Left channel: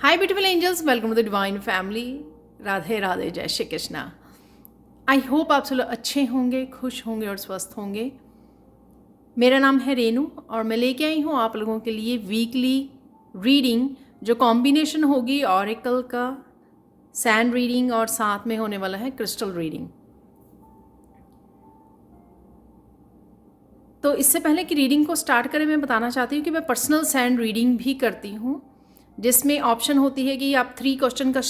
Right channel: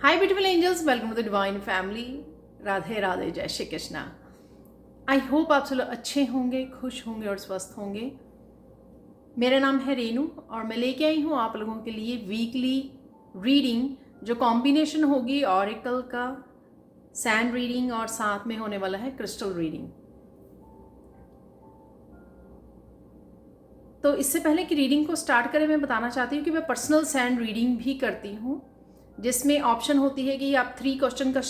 Hi beautiful angels, welcome to the divine family. Radhe Radhe, जय Shri Krishna. I hope आप सब लोग अच्छे होंगे, खुश होंगे और स्वस्थ होंगे। मेरा नाम है रेनू और मैं लेके आई हूँ आप लोगों के लिए वीकली रीडिंग, जो कॉम्बिनेशन होगी ऑरेकल का, सैंड रीडिंग और साथ में होने वाला है क्रिस्टल रीडिंग। तो इससे पहले कि रीडिंग को स्टार्ट करें, मैं बताना चाहती हूँ कि मैं पर्सनल सैंड रीडिंग भी करती हूँ, जिसमें ऑप्शन होती है कि आप 3 क्वेश्चन का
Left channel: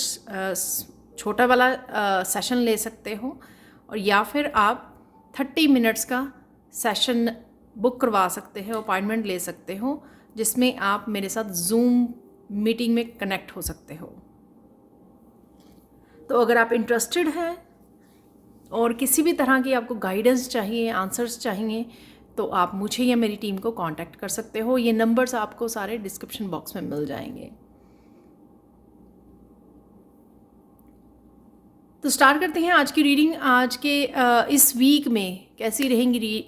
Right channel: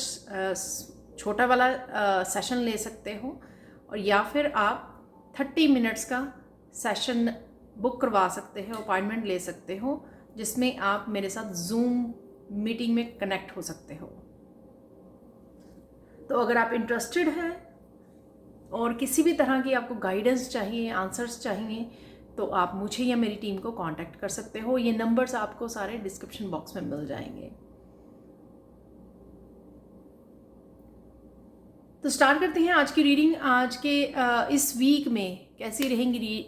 छोटा वाला सेशन ले सकते हो, और या फिर आप 30 मिनट्स का सेशन बुक करवा सकते हो, अपॉइंटमेंट ले सकते हो, जिसमें आप मेरे साथ जूम मीटिंग में कनेक्ट हो सकते हो। तो अगर आप इंटरेस्टेड हैं और किसी भी तरह की आपको गाइडेंस चाहिए, आंसर्स चाहिए, तो आप मुझे या मेरी टीम को कांटेक्ट कर सकते हो। ये नंबर्स आपको सारे डिस्क्रिप्शन बॉक्स में मिल जाएंगे। तो स्टार्ट करते हैं आज की रीडिंग। आज के इस वीक में कैसी रहेंगी,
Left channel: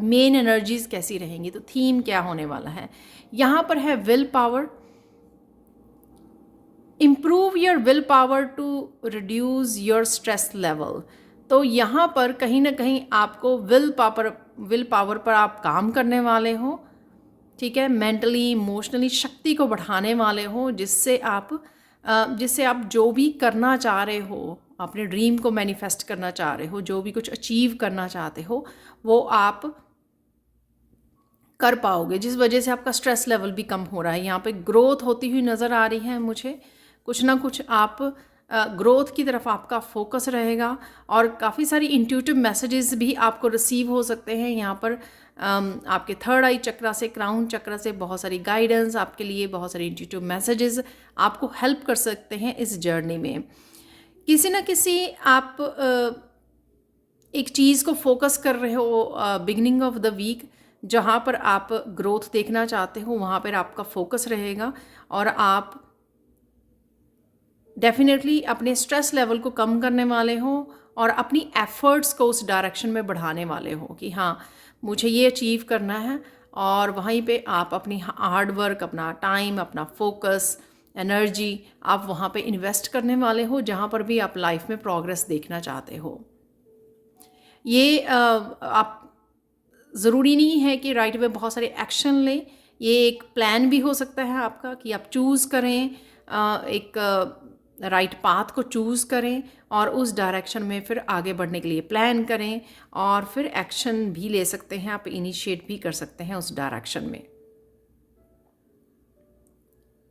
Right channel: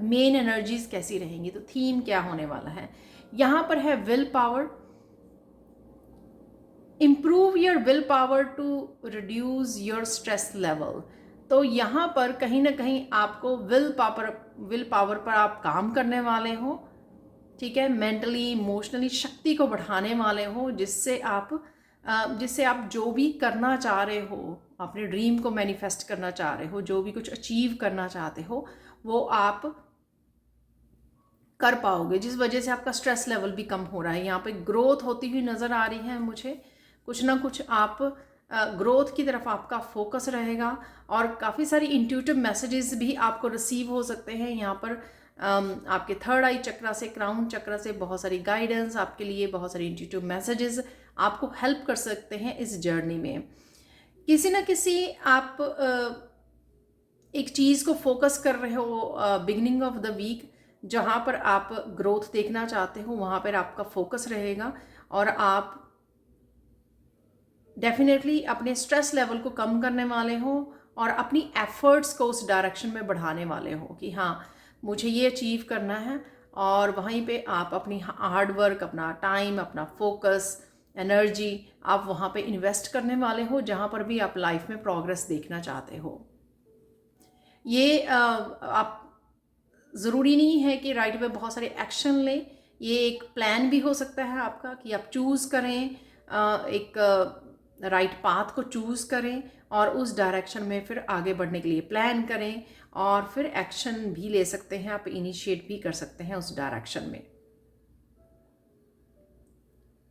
मेन एनर्जीज कैसी रहेंगी, तो थीम क्या होने वाला है। यहाँ पर है will power. Improve your will power to reduce your stress level. तो यहाँ पर कहीं ना कहीं आपको विल पावर पर आप काम करने वाले हो, ठीक है। मेंटली, इमोशनली शक्ति को बढ़ाने वाले हो, जिससे आप जो भी करना चाह रहे हो, अपने ड्रीम को मैनिफेस्ट करना चाह रहे हो, जो भी कुछ अचीव करना चाहते हो, वो आप कर पाओगे, जिस वजह से आपका स्ट्रेस लेवल भी कम हो रहा है। यहाँ पे ग्रोथ होती हुई नज़र आ रही है मुझे। कुछ ना कुछ आप ग्रोथ की तरफ आपका फोकस रहेगा, और काफ़ी सारी इंट्यूटिव मैसेजेस भी आपको रिसीव हो सकते हैं। यहाँ पर आपके थर्ड आई चक्रा से, क्राउन चक्रा से बहुत सारी गाइडेंस आपके लिए, बहुत सारी इंट्यूटिव मैसेजेस आपको हेल्प कर सकते हैं इस जर्नी में। किसी न किसी आप एक चीज़ को फोकस कर रहे हो बिगनिंग ऑफ द वीक, जहाँ पर आप ग्रोथ देखना चाहते हो, वहाँ पर आपका फोकस रहेगा, और आप डेफिनेटली अपने स्ट्रेस लेवल को कम करने वाले हो और अपनी एफर्ट्स को उस डायरेक्शन में बढ़ाने वाले हो कि हाँ, मुझे ये अचीव करना है। और वहीं पे आप अपनी हार्ड वर्क, अपना टाइम, अपना फोकस, एनर्जी आप वहाँ पे इन्वेस्ट करने वाले हो, जहाँ पर भी आप लाइफ में प्रोग्रेस देखना चाहते हो। ये आप ज़रूरी नहीं है कि राइट वे बहुत सारे एक्शन लें। ये एक प्लान भी हो सकता है आपका कि आप चूज़ करें, एक राइट पाथ को चूज़ करें, और उस डायरेक्शन में फिर आगे बढ़ने के लिए प्लान करें, और फिर एक्शन भी ले सकते हैं, आप इनिशिएट भी कर सकते हैं उस डायरेक्शन में,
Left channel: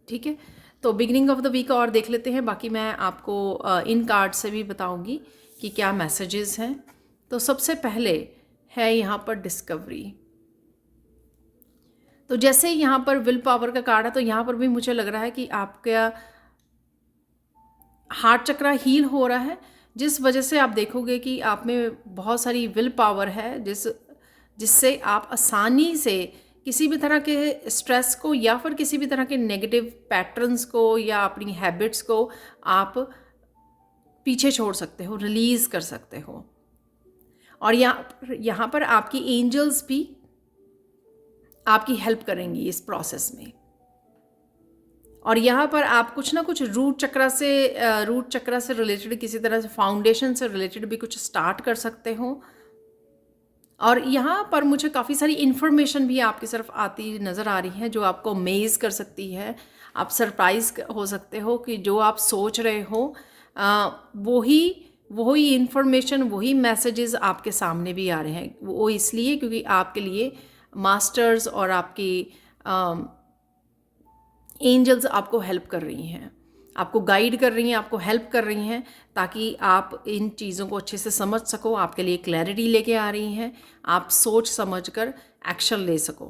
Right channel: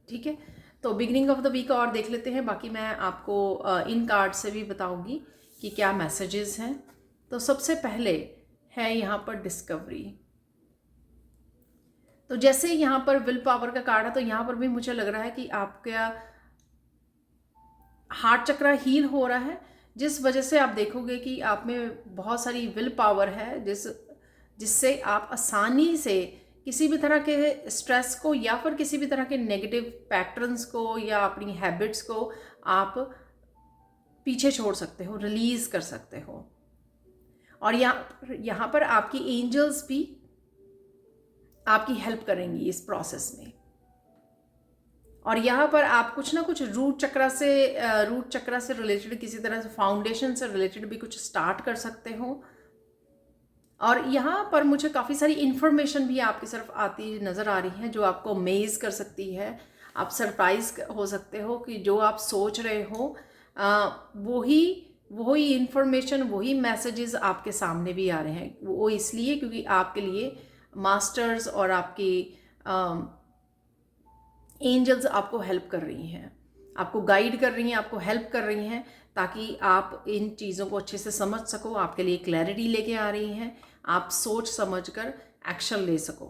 ठीक है। तो बिगिनिंग ऑफ द वीक और देख लेते हैं, बाकी मैं आपको इन कार्ड से भी बताऊंगी कि क्या मैसेजेस हैं। तो सबसे पहले है यहाँ पर डिस्कवरी। तो जैसे यहाँ पर विल पावर का कार्ड है, तो यहाँ पर भी मुझे लग रहा है कि आपका हार्ट चक्रा हील हो रहा है, जिस वजह से आप देखोगे कि आप में बहुत सारी विल पावर है, जिससे आप आसानी से किसी भी तरह के स्ट्रेस को, या फिर किसी भी तरह के नेगेटिव पैटर्न्स को, या अपनी हैबिट्स को आप पीछे छोड़ सकते हो, रिलीज कर सकते हो। और यहाँ पर आपकी एंजल्स भी आपकी हेल्प करेंगी इस प्रोसेस में। और यहाँ पर आप कुछ ना कुछ रूट चक्रा से रिलेटेड, किसी तरह से फाउंडेशन से रिलेटेड भी कुछ स्टार्ट कर सकते हो। और यहाँ पर मुझे काफ़ी सारी इन्फॉर्मेशन भी आपकी तरफ आती नज़र आ रही है, जो आपको अमेज कर सकती है। आप सरप्राइज हो सकते हो कि जो आप सोच रहे हो वही इन्फॉर्मेशन, वही मैसेजेस आपके सामने भी आ रहे हैं। वो इसलिए क्योंकि आपके लिए मास्टर्स और आपकी एंजल्स आपको हेल्प कर रही हैं, आपको गाइड कर रही हैं, आपको हेल्प कर रही हैं, ताकि आप इन चीज़ों को अच्छे से समझ सको। आपके लिए क्लैरिटी लेके आ रही हैं, आप सोच समझ कर एक्शन ले सको।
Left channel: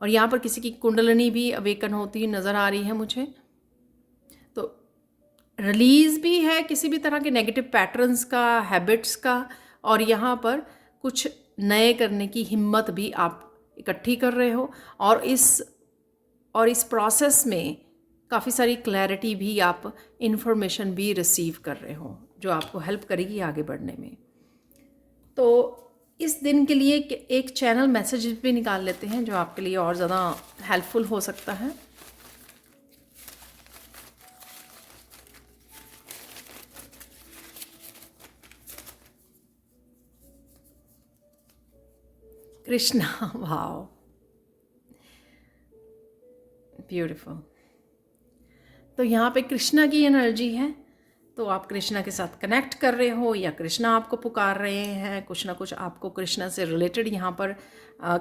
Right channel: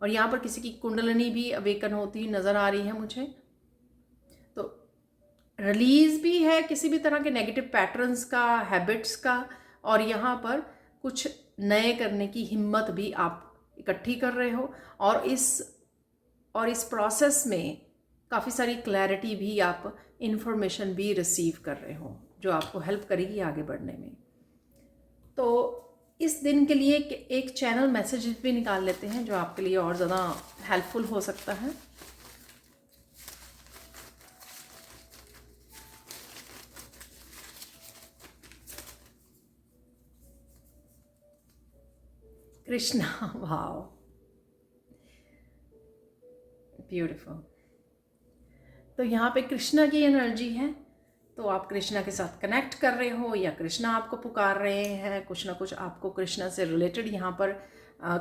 और यहाँ पर किसी की कुंडलिनी भी अवेकन होती हुई नज़र आ रही है मुझे। तो रिलीज भी है किसी भी तरह के नेगेटिव पैटर्न्स का, हैबिट्स का, और यहाँ पर कुछ नए करने की हिम्मत भी आप इकट्ठी कर रहे हो। और इस प्रोसेस में काफ़ी सारी क्लैरिटी भी, आप इन्फॉर्मेशन भी रिसीव कर रहे हो, जो आपको हेल्प करेगी आगे बढ़ने में। तो इस दिन के लिए एक चैनल मैसेज भी निकाल लेते हैं, जो आपके लिए और ज़्यादा हेल्पफुल हो सकता है। Krishna wow, beautiful. तो यहाँ पे कृष्णा की एनर्जी है, तो आप कृष्णा के साथ कनेक्ट कर रहे हो या कृष्णा आपको पुकार रहे हैं। कुछ ना कुछ आपको कृष्णा से रिलेटेड यहाँ पर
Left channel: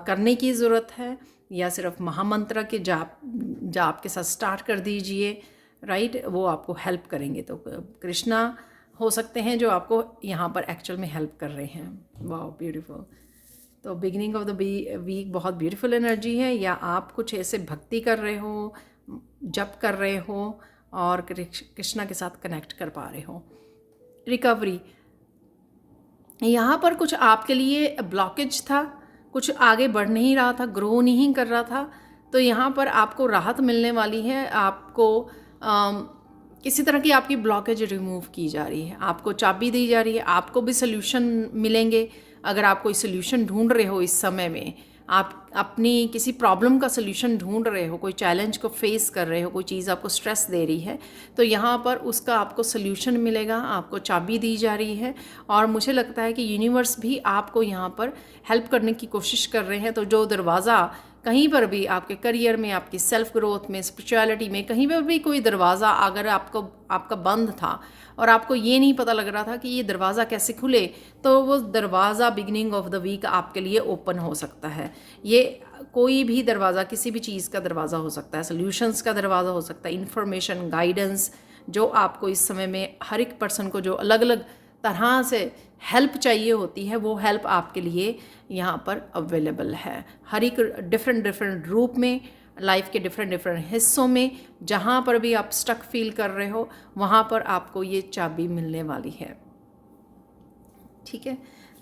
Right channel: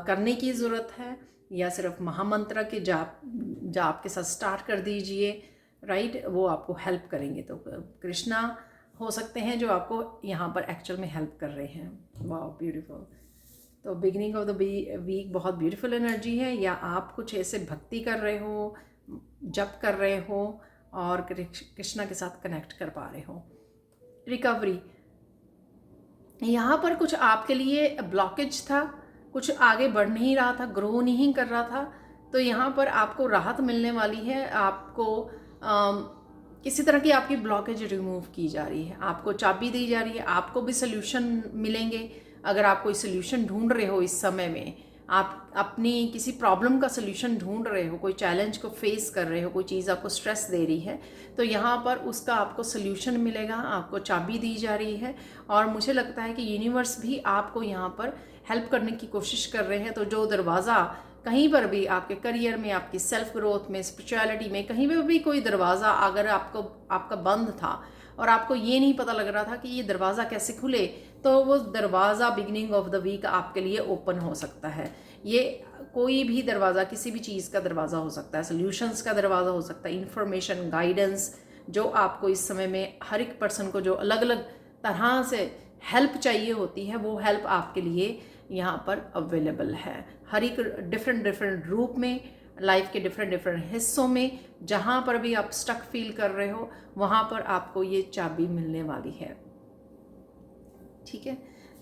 करने की ज़रूरत है, या सिर्फ महामंत्र के जाप जाप के साथ स्टार्ट कर दीजिए, राइट, वो आपको हेल्प करेंगे। तो कृष्णा हो सकते हैं जो आपको यहाँ पर एक्चुअल में हेल्प कर रहे हैं। वाह, ब्यूटीफुल। तो बिगिनिंग ऑफ द वीक बहुत ब्यूटीफुल एनर्जी है, या आप कुछ ऐसे भक्ति कर रहे हो, जप कर रहे हो और कृष्णा के साथ कनेक्ट कर पा रहे हो। रिकवरी, यहाँ पर कुछ आपके लिए ब्लॉकेज था, कुछ आगे बढ़ नहीं रहा था, ग्रो नहीं कर रहा था, तो यहाँ पर आपको राहत मिलने वाली है। आपको किसी तरह की आपकी ब्लॉकेज रिमूव की जा रही है, आपको चाबी दी जा रही है, आपको भी सोल्यूशन मिलेंगे। अगर आप कोई सोल्यूशन ढूंढ रहे हो इस समय में, आप अपनी किसी प्रॉब्लम का सोल्यूशन ढूंढ रहे हो, कोई चैलेंज को फेस कर रहे हो, कोई चीज़ आपको स्ट्रेस दे रही है, तो यहाँ पर उसका आपको सोल्यूशन मिलेगा, आपको चाबी दी जा रही है। और मुझे लगता है कि यूनिवर्स भी आपको यहाँ पर हेल्प करने की कोशिश कर रहे हैं। तो जो दरवाज़ा कहीं पर भी आपके करियर में, आपकी सेल्फ ग्रोथ में, स्पिरिचुअलिटी में, कहीं पर भी कोई दरवाज़ा अगर आपका बंद था और आपको ये नहीं पता लग रहा था कि ये दरवाज़ा कैसे खुले, तो वो दरवाज़ा बिगिनिंग ऑफ द वीक आपके लिए ओपन हो सकता है। ये कोई भी दरवाज़ा, किसी भी चीज़ का दरवाज़ा हो सकता है, सॉल्यूशंस का दरवाज़ा हो सकता है, इन्फॉर्मेशन, गाइडेंस, जो आपको इस समय में हर एक पर्सन को जो अलग अलग तरह से हेल्प चाहिए होती है, वो हेल्प आपके लिए यहाँ पर अवेलेबल है। हर एक डिफरेंट रूप में, लाइफ के डिफरेंट हिस्सों में, जहाँ पर भी आप स्टक फील कर रहे हो, वहाँ पर आपको ये चाबी मिलने वाली है। ठीक है,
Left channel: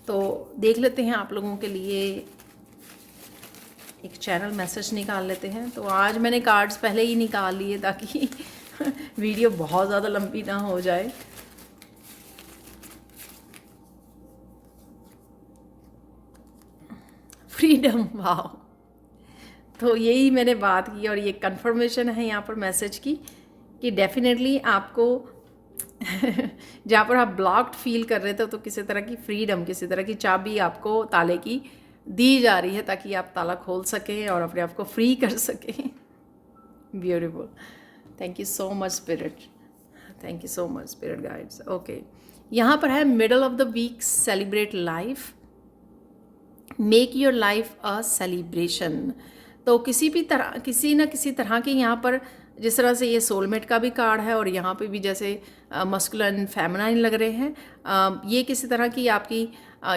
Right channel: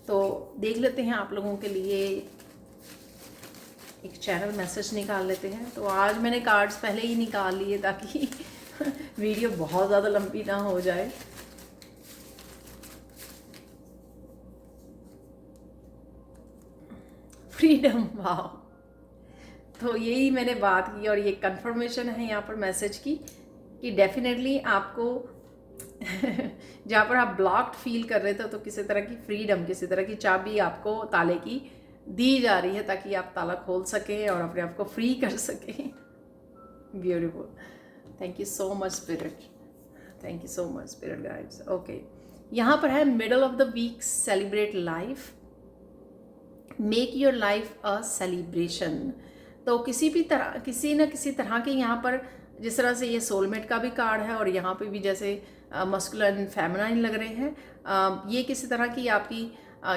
तो देख लेते हैं आप लोगों के लिए एक चैनल मैसेज निकाल लेते हैं। तो आज मैंने कार्ड्स पहले ही निकाल लिए ताकि वीडियो बहुत ज़्यादा लंबी ना हो जाए। फ्रीडम, वाह, तो यही मैंने बात की और ये कंफर्मेशन है यहाँ पर मैसेज की कि डेफिनेटली आपको जहाँ पर आप ब्लॉक्ड फील कर रहे थे, तो किसी तरह की फ्रीडम, किसी तरह की चाबी आपको ताले की दी जा रही है ताकि आप ताला खोल सकें और अपने आप को फ्री कर सकें। Beautiful, thank you so much spirit, thank you so much spirit guides. Okay, यहाँ पर है middle of the week, celebrate life, make your life a celebration. तो किसी न किसी तरह के यहाँ पर, जिस तरह से ये सोलमेट का भी कार्ड है और यहाँ पे भी जैसे मस्कुलिन फेमिनाइन लग रहे हैं, ये किसी तरह की आपकी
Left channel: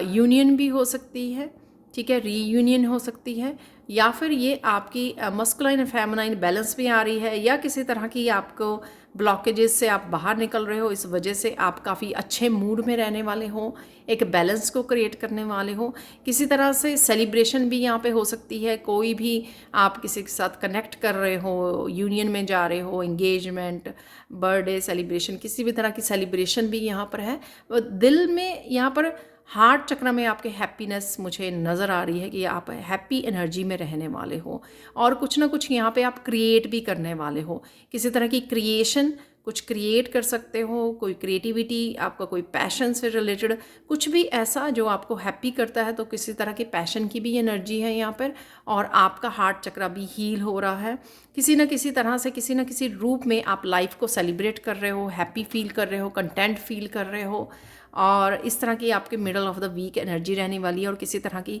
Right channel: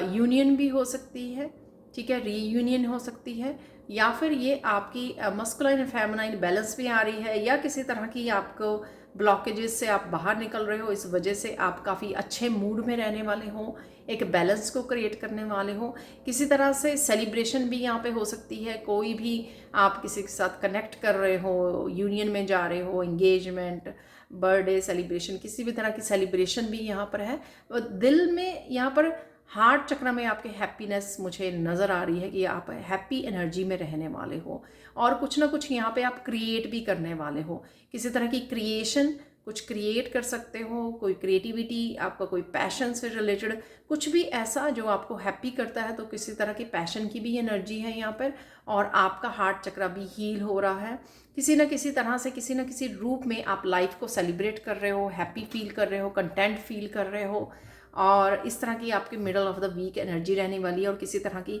यूनियन भी हो सकती है, ठीक है, रीयूनियन हो सकती है, या फिर ये आपकी मस्कुलिन फेमिनाइन बैलेंस भी आ रही है, या किसी तरह की आपको ब्लॉकेजेस से आप बाहर निकल रहे हो, इस वजह से आप काफ़ी अच्छे मूड में रहने वाले हो, एक बैलेंस को क्रिएट करने वाले हो। किसी तरह से सेलिब्रेशन भी यहाँ पे हो सकती है, कोई भी आप किसी के साथ कनेक्ट कर रहे हो, यूनियन में जा रहे हो, एंगेजमेंट, बर्थडे सेलिब्रेशन, किसी भी तरह की सेलिब्रेशन भी यहाँ पर है। दिल में यहाँ पर हार्ट चक्र में आपके हैप्पीनेस मुझे नज़र आ रही है कि आप हैप्पी एनर्जी में रहने वाले हो, और कुछ ना कुछ यहाँ पे आप क्रिएट भी करने वाले हो, किसी तरह की क्रिएशन, कुछ क्रिएट कर सकते हो, कोई क्रिएटिविटी, आपका कोई पैशन से रिलेटेड कुछ भी ऐसा जो आपको हैप्पी करता है, तो किसी तरह की पैशन की भी एनर्जी है यहाँ पर, और आपका हार्ट चक्र भी हील हो रहा है। किसी न किसी तरह से, किसी न किसी रूप में आप लाइफ को सेलिब्रेट कर रहे हो, हैप्पी फील कर रहे हो, कंटेंट फील कर रहे हो, और इस तरह की आपके middle of the week energy रहने वाली है। और किसी तरह की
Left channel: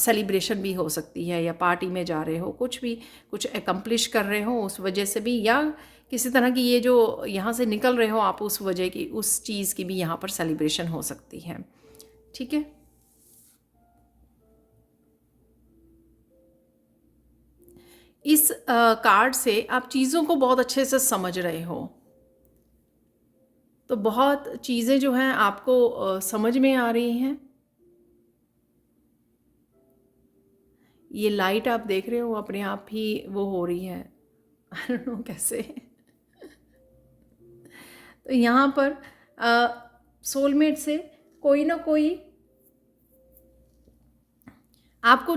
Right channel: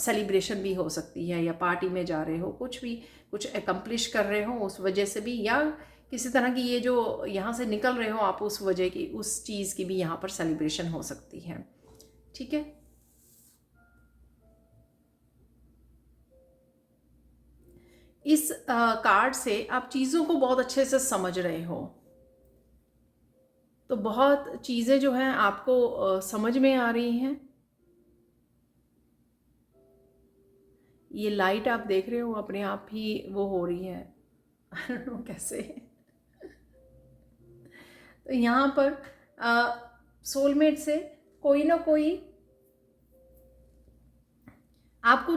सेलिब्रेशन भी हो सकती है, या पार्टी में जा रहे हो, कुछ भी कुछ एकम्प्लिश कर रहे हो उस वजह से भी, या किसी तरह की ये जो यहाँ से निकल रहे हो आप, उस वजह की, उस चीज़ की भी यहाँ पर सेलिब्रेशन हो सकती है। ठीक है, इस कार्ड से आप चीज़ों को बहुत अच्छे से समझ रहे हो, तो बहुत चीज़ें जो हैं आपको समझ में आ रही हैं। ये लाइट आप देख रहे हो अपने आप ही वो हो रही है, आई डोंट नो कैसे। तो यहाँ पर सोलमेट से कोई ना कोई आपको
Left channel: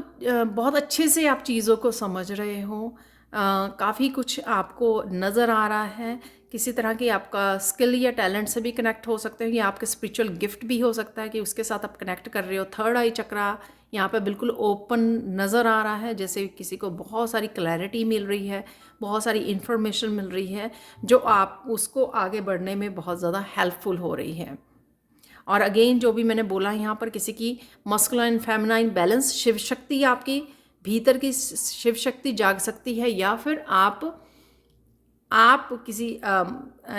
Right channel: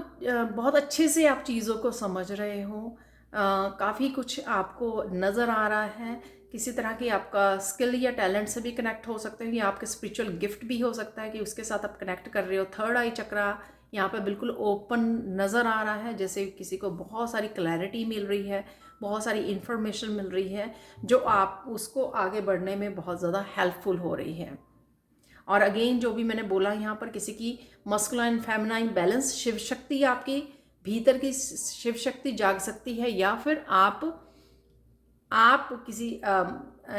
बहुत अच्छे से आप चीज़ों को समझ रहे हो, काफ़ी कुछ आपको नज़र आ रहा है, किसी तरह की आपका स्किल या टैलेंट से भी कनेक्ट हो सकते हो, या आपके स्पिरिचुअल गिफ्ट भी हो सकता है कि उसके साथ आप कनेक्ट कर रहे हो। थर्ड आई चक्रा यहाँ पे बिल्कुल ओपन नज़र आ रहा है, जैसे किसी को बहुत सारी क्लैरिटी मिल रही है, बहुत सारी इन्फॉर्मेशन मिल रही है जो आप उसको आगे बढ़ने में बहुत ज़्यादा हेल्पफुल हो रही है। और अगेन जो भी मैंने बोला यहाँ पर, किसी की masculine feminine balance, Shiv Shakti आपकी भीतर की शिव शक्ति जाग सकती है, या फिर आप किसी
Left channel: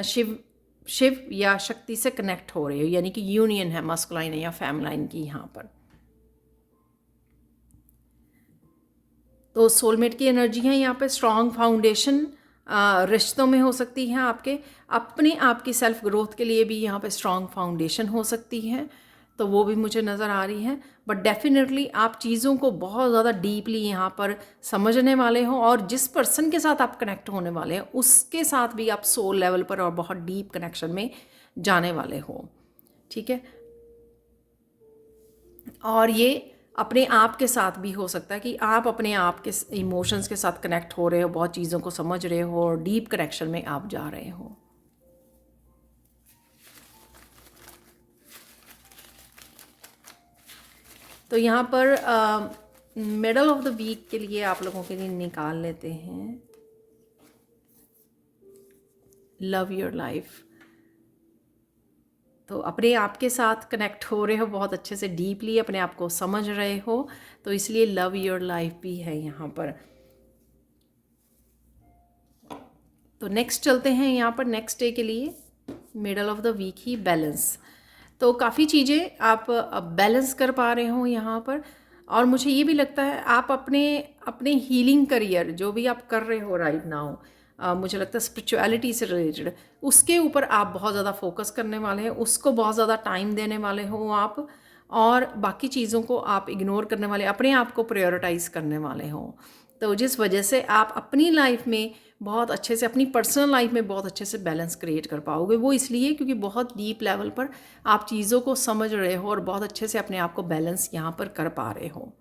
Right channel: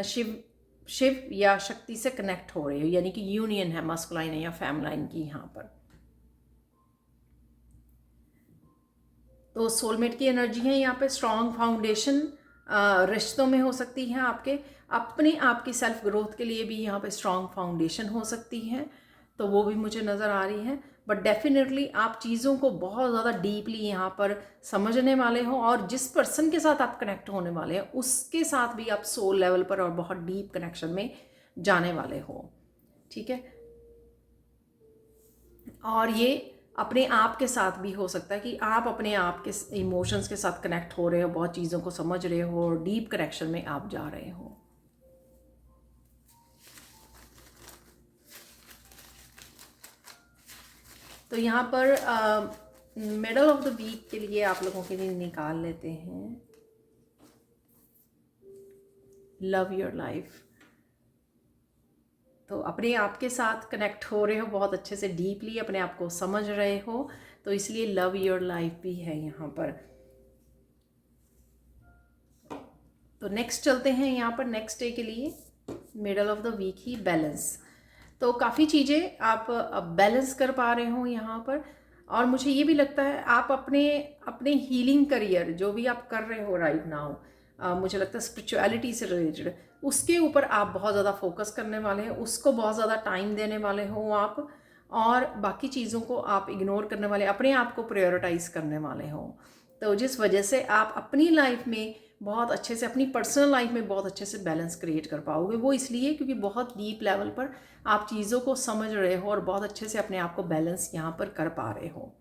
शिव शिव या शक्ति से कनेक्ट हो रहे हो, यानी कि यूनियन है मस्कुलाइन या फेमिनाइन की यहाँ पर। तो सोलमेट की एनर्जी है यहाँ पे। स्ट्रॉन्ग फाउंडेशन रिश्तों में हो सकती है, आपके अपने आप की सेल्फ ग्रोथ के लिए भी यहाँ पे स्ट्रॉन्ग फाउंडेशन हो सकती है, तो वो भी मुझे नज़र आ रही है। बट डेफिनेटली आप चीज़ों को बहुत ज़्यादा डीपली यहाँ पर समझने वाले हो, और जिस पर्सन के साथ आप कनेक्ट होने वाले हैं उसके साथ भी आप सोल लेवल पर और बहुत डीप कनेक्शन में जाने वाले हो, ठीक है। और ये अपने आप के साथ भी हो सकता है कि आप अपने आप के इमोशंस के साथ कनेक्ट हो रहे हो, बहुत चीज़ों को समझ रहे हो और डीप कनेक्शन में आप जा रहे हो। तो यहाँ पर मिडल ऑफ द वीक के लिए आप लोगों के लिए निकाल लेते हैं लव योर लाइफ। तो अपने आप के साथ कनेक्ट हो रहे हो, बहुत अच्छे से डीपली अपने आप को समझ रहे हो, तो इसलिए लव योर लाइफ भी है यहाँ पर। तो नेक्स्ट चलते हैं यहाँ पर नेक्स्ट डे के लिए, मिडल ऑफ द वीक ही बैलेंस। तो काफ़ी चीज़ें आप बैलेंस कर पा रहे हो यहाँ पर, और मुझे ये भी लगता है आप अपने हीलिंग करियर जो भी आप कर रहे हो राइट नाउ, मुझे लगता है स्पिरिचुअलिटी से रिलेटेड, उसके ऊपर आप बहुत ज़्यादा फोकस करने वाले हैं, उसको बहुत ज़्यादा टाइम देने वाले हो आप, और बाकी चीज़ों को आप इग्नोर करने वाले, अपने आप को प्रायोरिटाइज करने वाले हो। तो जिस वजह से आप अपनी लाइफ में बहुत अच्छे से, अपनी पर्सनल लाइफ में बहुत अच्छे से बैलेंस क्रिएट कर पाओगे। वो इसलिए क्योंकि बहुत डीप लेवल पर आप चीज़ों को समझ रहे हो और बहुत अच्छे से अपने आप को बैलेंस यहाँ पर कर पा रहे हो।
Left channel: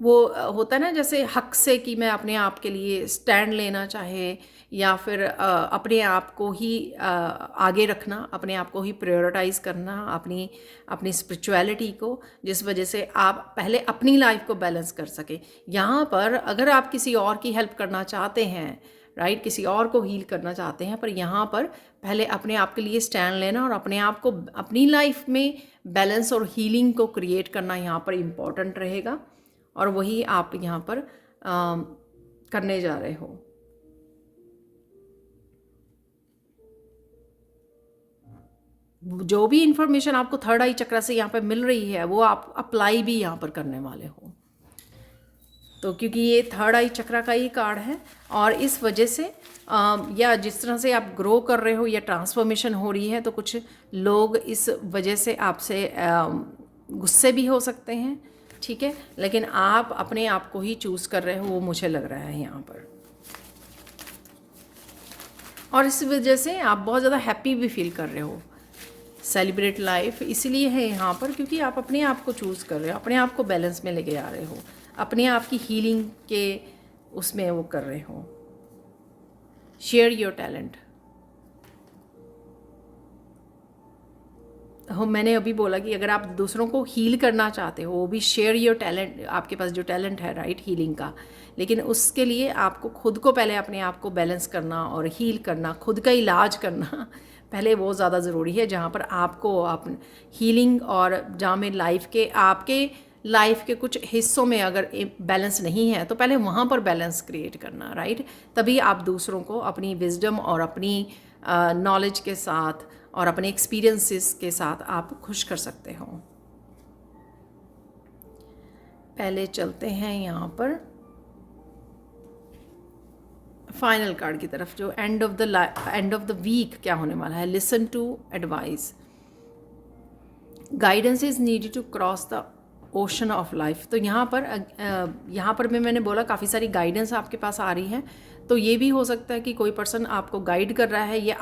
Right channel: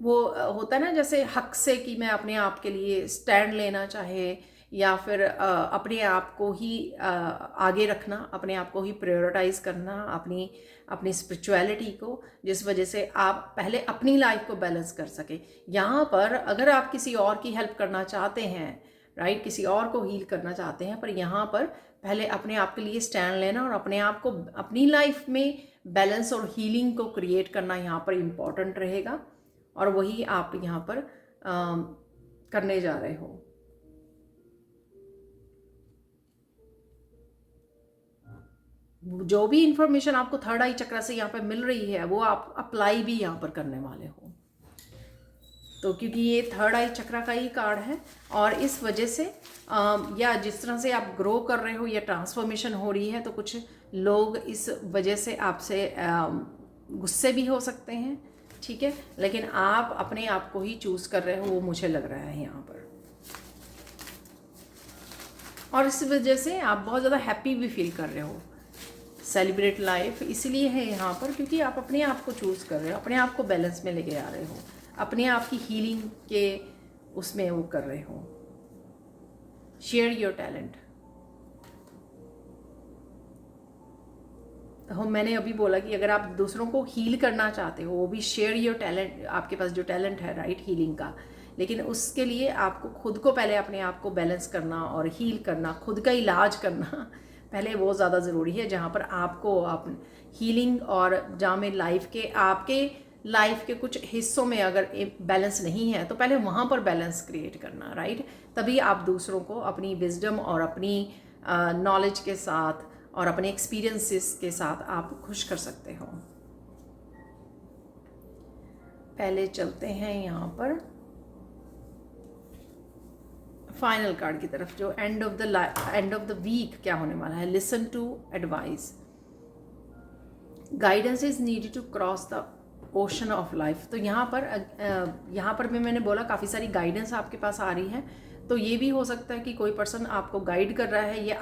वो होता है ना जैसे हक से कि मैं अपने आप के लिए स्टैंड लेना चाहे, या फिर अपने आप को ही आगे रखना, अपने आप को ही प्रायोरिटाइज करना, अपनी अपनी स्पिरिचुअलिटी को, जिस वजह से आप पहले अपनी लाइफ को बैलेंस कर सके। यहाँ पर अगर आप किसी और की हेल्प करना चाहते हैं, राइट, किसी और को हील करना चाहते हैं, पर यहाँ पर पहले अपने आप के लिए स्टैंड लेना और अपने आप को, अपनी लाइफ में बैलेंस और हीलिंग को क्रिएट करना यहाँ पर इम्पॉर्टेंट रहेगा, और वही आप यहाँ पर करने जा रहे हो। जो भी इंफॉर्मेशन आपको थर्ड आई चक्र से यहाँ पर मिल रही है वो आप अप्लाई भी यहाँ पर करने वाले हो। तो क्योंकि ये थर्ड आई चक्र का ही कार्ड है, और इस वजह से या जिस तरह से आप ग्रो कर रहे हो या ट्रांसफॉर्मेशन हो रही है, तो कुछ लोग इस वजह से आपसे गुस्से भी हो सकते हैं, ठीक है, लेकिन आप अपने आप को ही चूज़ कर रहे हो, वो मुझे लग रहा है यहाँ पर। और इस वजह से आप बहुत ज़्यादा हैप्पी भी फील कर रहे हो। सेलिब्रेट लाइफ इसलिए है यहाँ पर क्योंकि आप अपने आप को चूज़ कर रहे हो, अपने आप को बैलेंस में लेके आ रहे हो, अपने आप की हीलिंग के उसमें वो कर रहे हो। Share your talent. हो, मैंने अभी बोला कि अगर आप दूसरों को हील करना चाहते हो, वो भी शेयर योर टैलेंट, आपके पास जो टैलेंट है राइट हीलिंग का, लेकिन उसके लिए आपको खुद को पहले अपने आप को बैलेंस करना और हील करना, खुद का इलाज करना पहले वो ज़्यादा ज़रूरी है। जहाँ पर आपको आप हीलिंग, और जहाँ में लाइफ के, आपके लाइफ के कुछ हिस्सों में अगर बैलेंस नहीं है तो पहले वहाँ पर बैलेंस क्रिएट करना, राइट, तभी आप दूसरों को अपनी विजडम और अपनी नॉलेज के साथ और अपने एक्सपीरियंसेस के साथ आप खुश कर सकते हो। पहले चलते हैं यहाँ पर फाइनल कार्ड की तरफ, जो एंड ऑफ द वीक क्या होने वाला है। Listen to advice, guidance is needed to cross the ocean of life. तो यहाँ पर भी मैंने बोला काफ़ी सारी गाइडेंस आपके पास आ रही है, तो ये भी हो सकता है कि कोई पर्सन आपको गाइड कर रहा है, या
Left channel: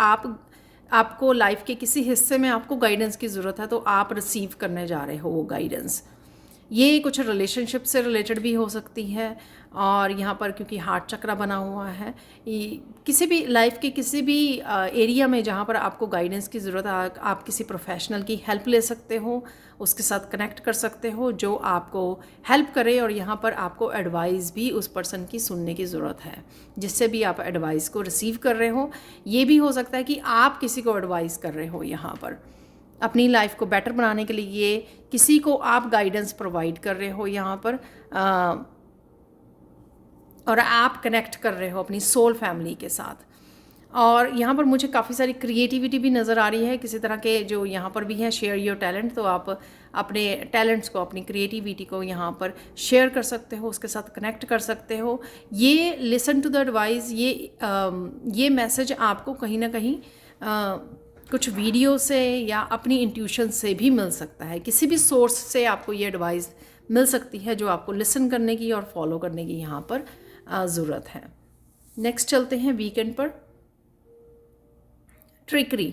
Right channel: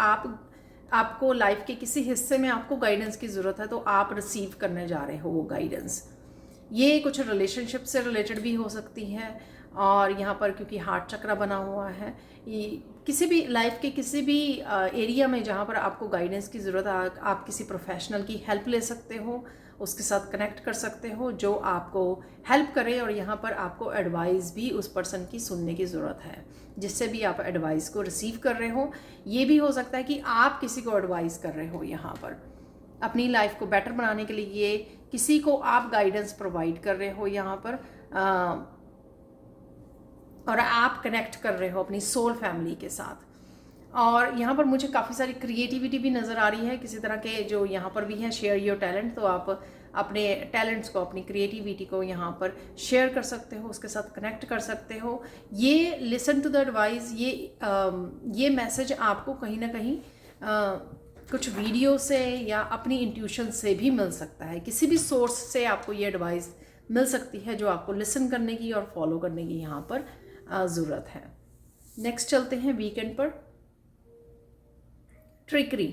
आपको लाइफ के किसी हिस्से में आपको गाइडेंस की ज़रूरत है, तो आप रिसीव करने जा रहे हो वो गाइडेंस। ये कुछ रिलेशनशिप से रिलेटेड भी हो सकती है, और यहाँ पर क्योंकि हार्ट चक्रा बना हुआ है, किसी भी लाइफ के किसी भी एरिया में जहाँ पर आपको गाइडेंस की ज़रूरत है, आप किसी प्रोफेशनल की हेल्प ले सकते हो, उसके साथ कनेक्ट कर सकते हो जो आपको हेल्प करे। और यहाँ पर आपको एडवाइस भी उस पर्सन की सुनने की ज़रूरत है, जिससे भी आप एडवाइस को रिसीव कर रहे हो। ये भी हो सकता है कि आप किसी को एडवाइस कर रहे हो यहाँ पर अपनी लाइफ को बेटर बनाने के लिए, किसी को आप गाइडेंस प्रोवाइड कर रहे हो यहाँ पर, और आप कनेक्ट कर रहे हो अपनी सोल फैमिली के साथ। और यहाँ पर मुझे काफ़ी सारी क्रिएटिविटी भी नज़र आ रही है किसी तरह के, जो यहाँ पर भी है शेयर योर टैलेंट। तो आप अपने टैलेंट्स को, अपनी क्रिएटिविटी को यहाँ पर शेयर कर सकते हो, उसके साथ कनेक्ट कर सकते हो। ये लिसन टू द एडवाइस, ये मैसेज आपको कहीं ना कहीं कुछ वीडियो से या अपनी इंट्यूशन से भी मिल सकता है। किसी भी सोर्स से आपको ये एडवाइस मिल सकती है जो आपको लिसन करने की और फॉलो करने की यहाँ पर ज़रूरत है। नेक्स्ट चलते हैं वीकेंड पर। ट्रिकरी,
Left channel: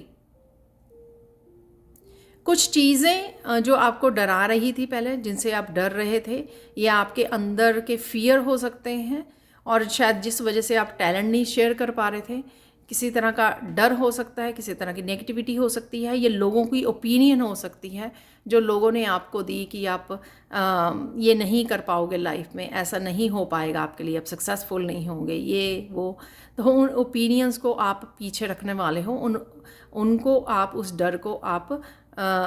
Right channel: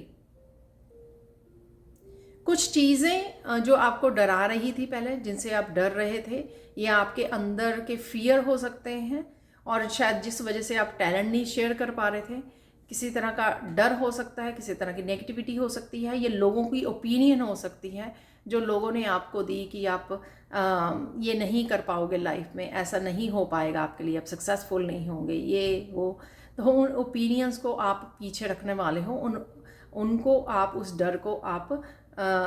कुछ चीज़ें जो आपको डरा रही थी पहले, जिनसे आप डर रहे थे, या आपके अंदर के फियर हो सकते हैं, और शायद जिस वजह से आप टैलेंट नहीं शेयर कर पा रहे थे। किसी तरह का डर हो सकता है, किसी तरह की नेगेटिविटी हो सकती है, ये लोगों की ओपिनियन हो सकती है जो लोगों ने आपको दी कि आप ये नहीं कर पाओगे लाइफ में, ऐसा नहीं हो पाएगा आपके लिए, आप सक्सेसफुल नहीं होंगे, ये वो। तो उन ओपिनियंस को आप पीछे रखने वाले हो, उनको आप, उस डर को आप